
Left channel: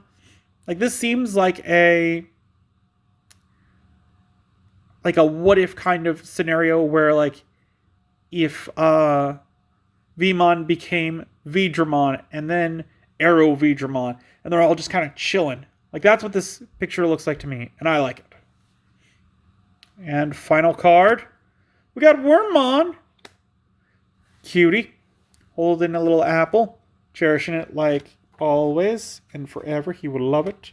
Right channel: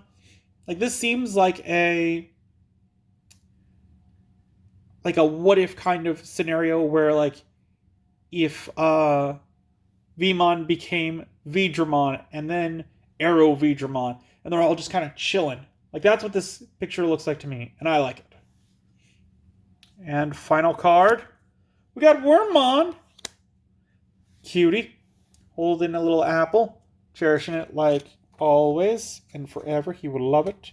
Like, this seems like a what if kind of scenario where, like, if Vmon became Vidramon and then Arrow Vidramon, and they're all just kind of chilling. Like, that's what this picture looks like to me, and I like it. And final card, we got Wormmon. Cutie, holding a little apple, cherishing it like always and forever. He would love it.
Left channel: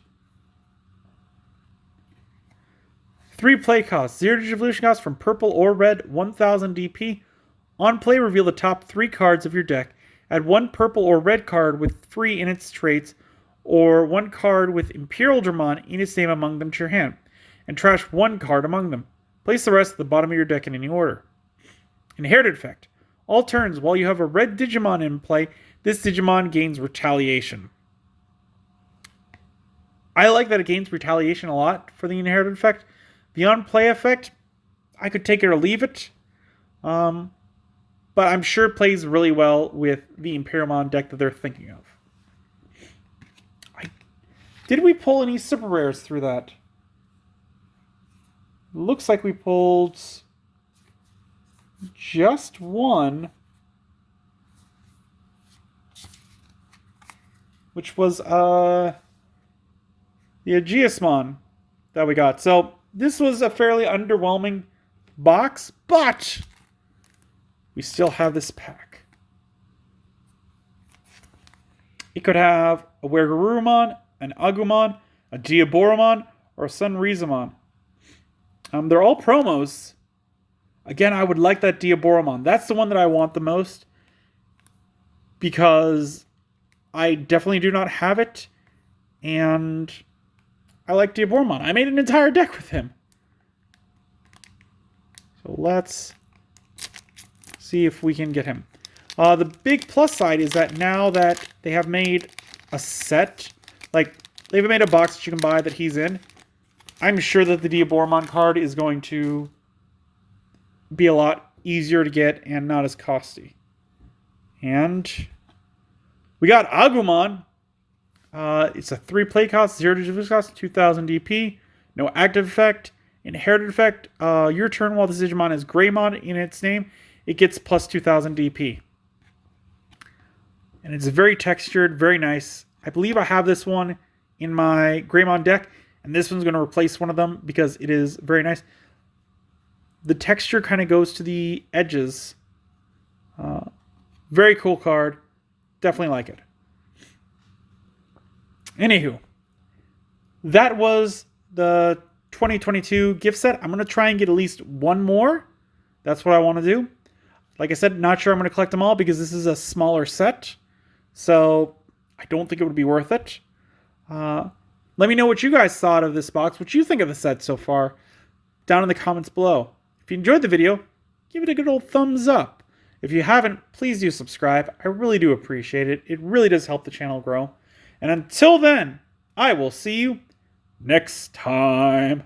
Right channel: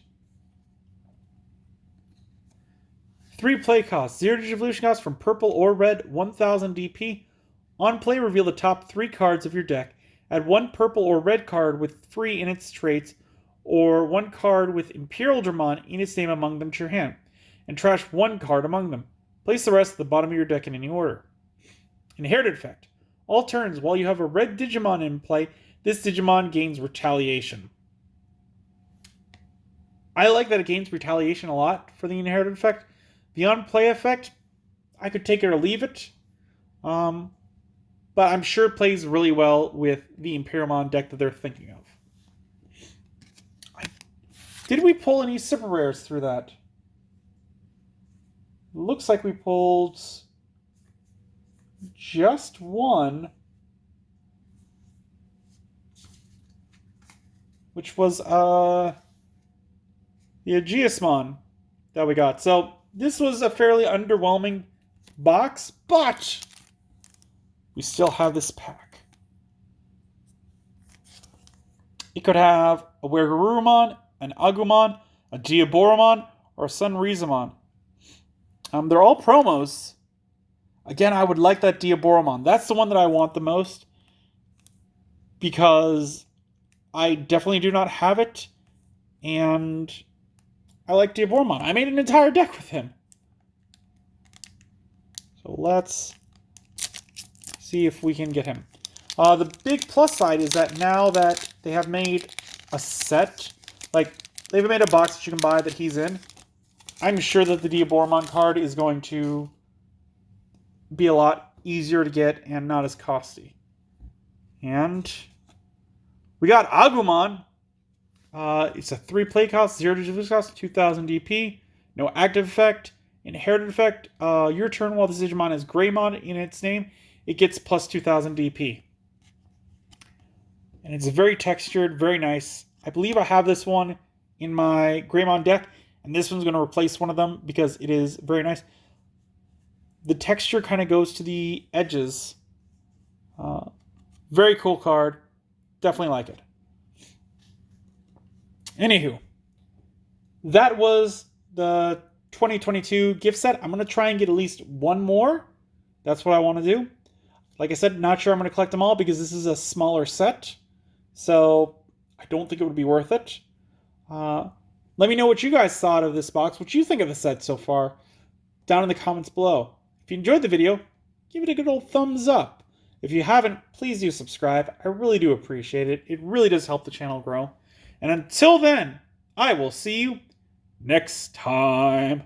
3 play costs, 0 Digivolution costs from purple or red, 1000 DP. On play, reveal the top 3 cards of your deck. Add 1 purple or red card with free in its traits, or 1 card with Imperial Dramon in its name among them to your hand, and trash 1 card among them. Place the rest at the bottom of your deck in any order. Inherited effect. All turns, while you have a red Digimon in play, this Digimon gains Retaliation. I like that it gains Retaliation a lot for the inherited effect. The on-play effect, I could take it or leave it. But I'm sure it plays really well with the Imperialmon deck that they're thinking of. Did we pull any super rares through that? Looks like we pulled just one, which was the Aegismon that we got. So this was a fairly underwhelming box, but we still have this pack. It could have a Wergurumon, an Agumon, a Diaboromon, or a Sunrizamon. They're all promos. Again, I would like that Diaboromon. That's the one that I want the most, because I definitely do not have it, and I like Diaboromon. I made an entire deck with him. So let's see if we can get him. The big plus side is that now that they have made a set, like, they've made a box that you can buy that he's in, I'm sure that the Diaboromon card is going to be a lot easier to get and not as costly. And we got Agumon. It's a 3 play cost, 0 Digivolution cost, 2000 DP, no active effect. Inherited effect, your turn while this Digimon has Greymon in its name, it gets plus 2000 DP. And it's very textured, very nice. I believe I have this one in my Greymon deck, and this one's going to replace one of them because it is very nice. The texture kind of goes to the edges. Very cool card. Definitely like it. Anywho, that was the 2022 gift set. I'm going to try and get at least one more. That's what I want to do. Like I said, not sure I'm going to collect them all because this is a smaller set. So I don't think it would be worth it. Let me know what you guys thought of this box, what you think of the set so far, down in the comments below. If you enjoyed the video, give it a good old thumbs up. If you haven't, please do subscribe. I really do appreciate it. It really does help the channel grow. And until then, I will see you next time.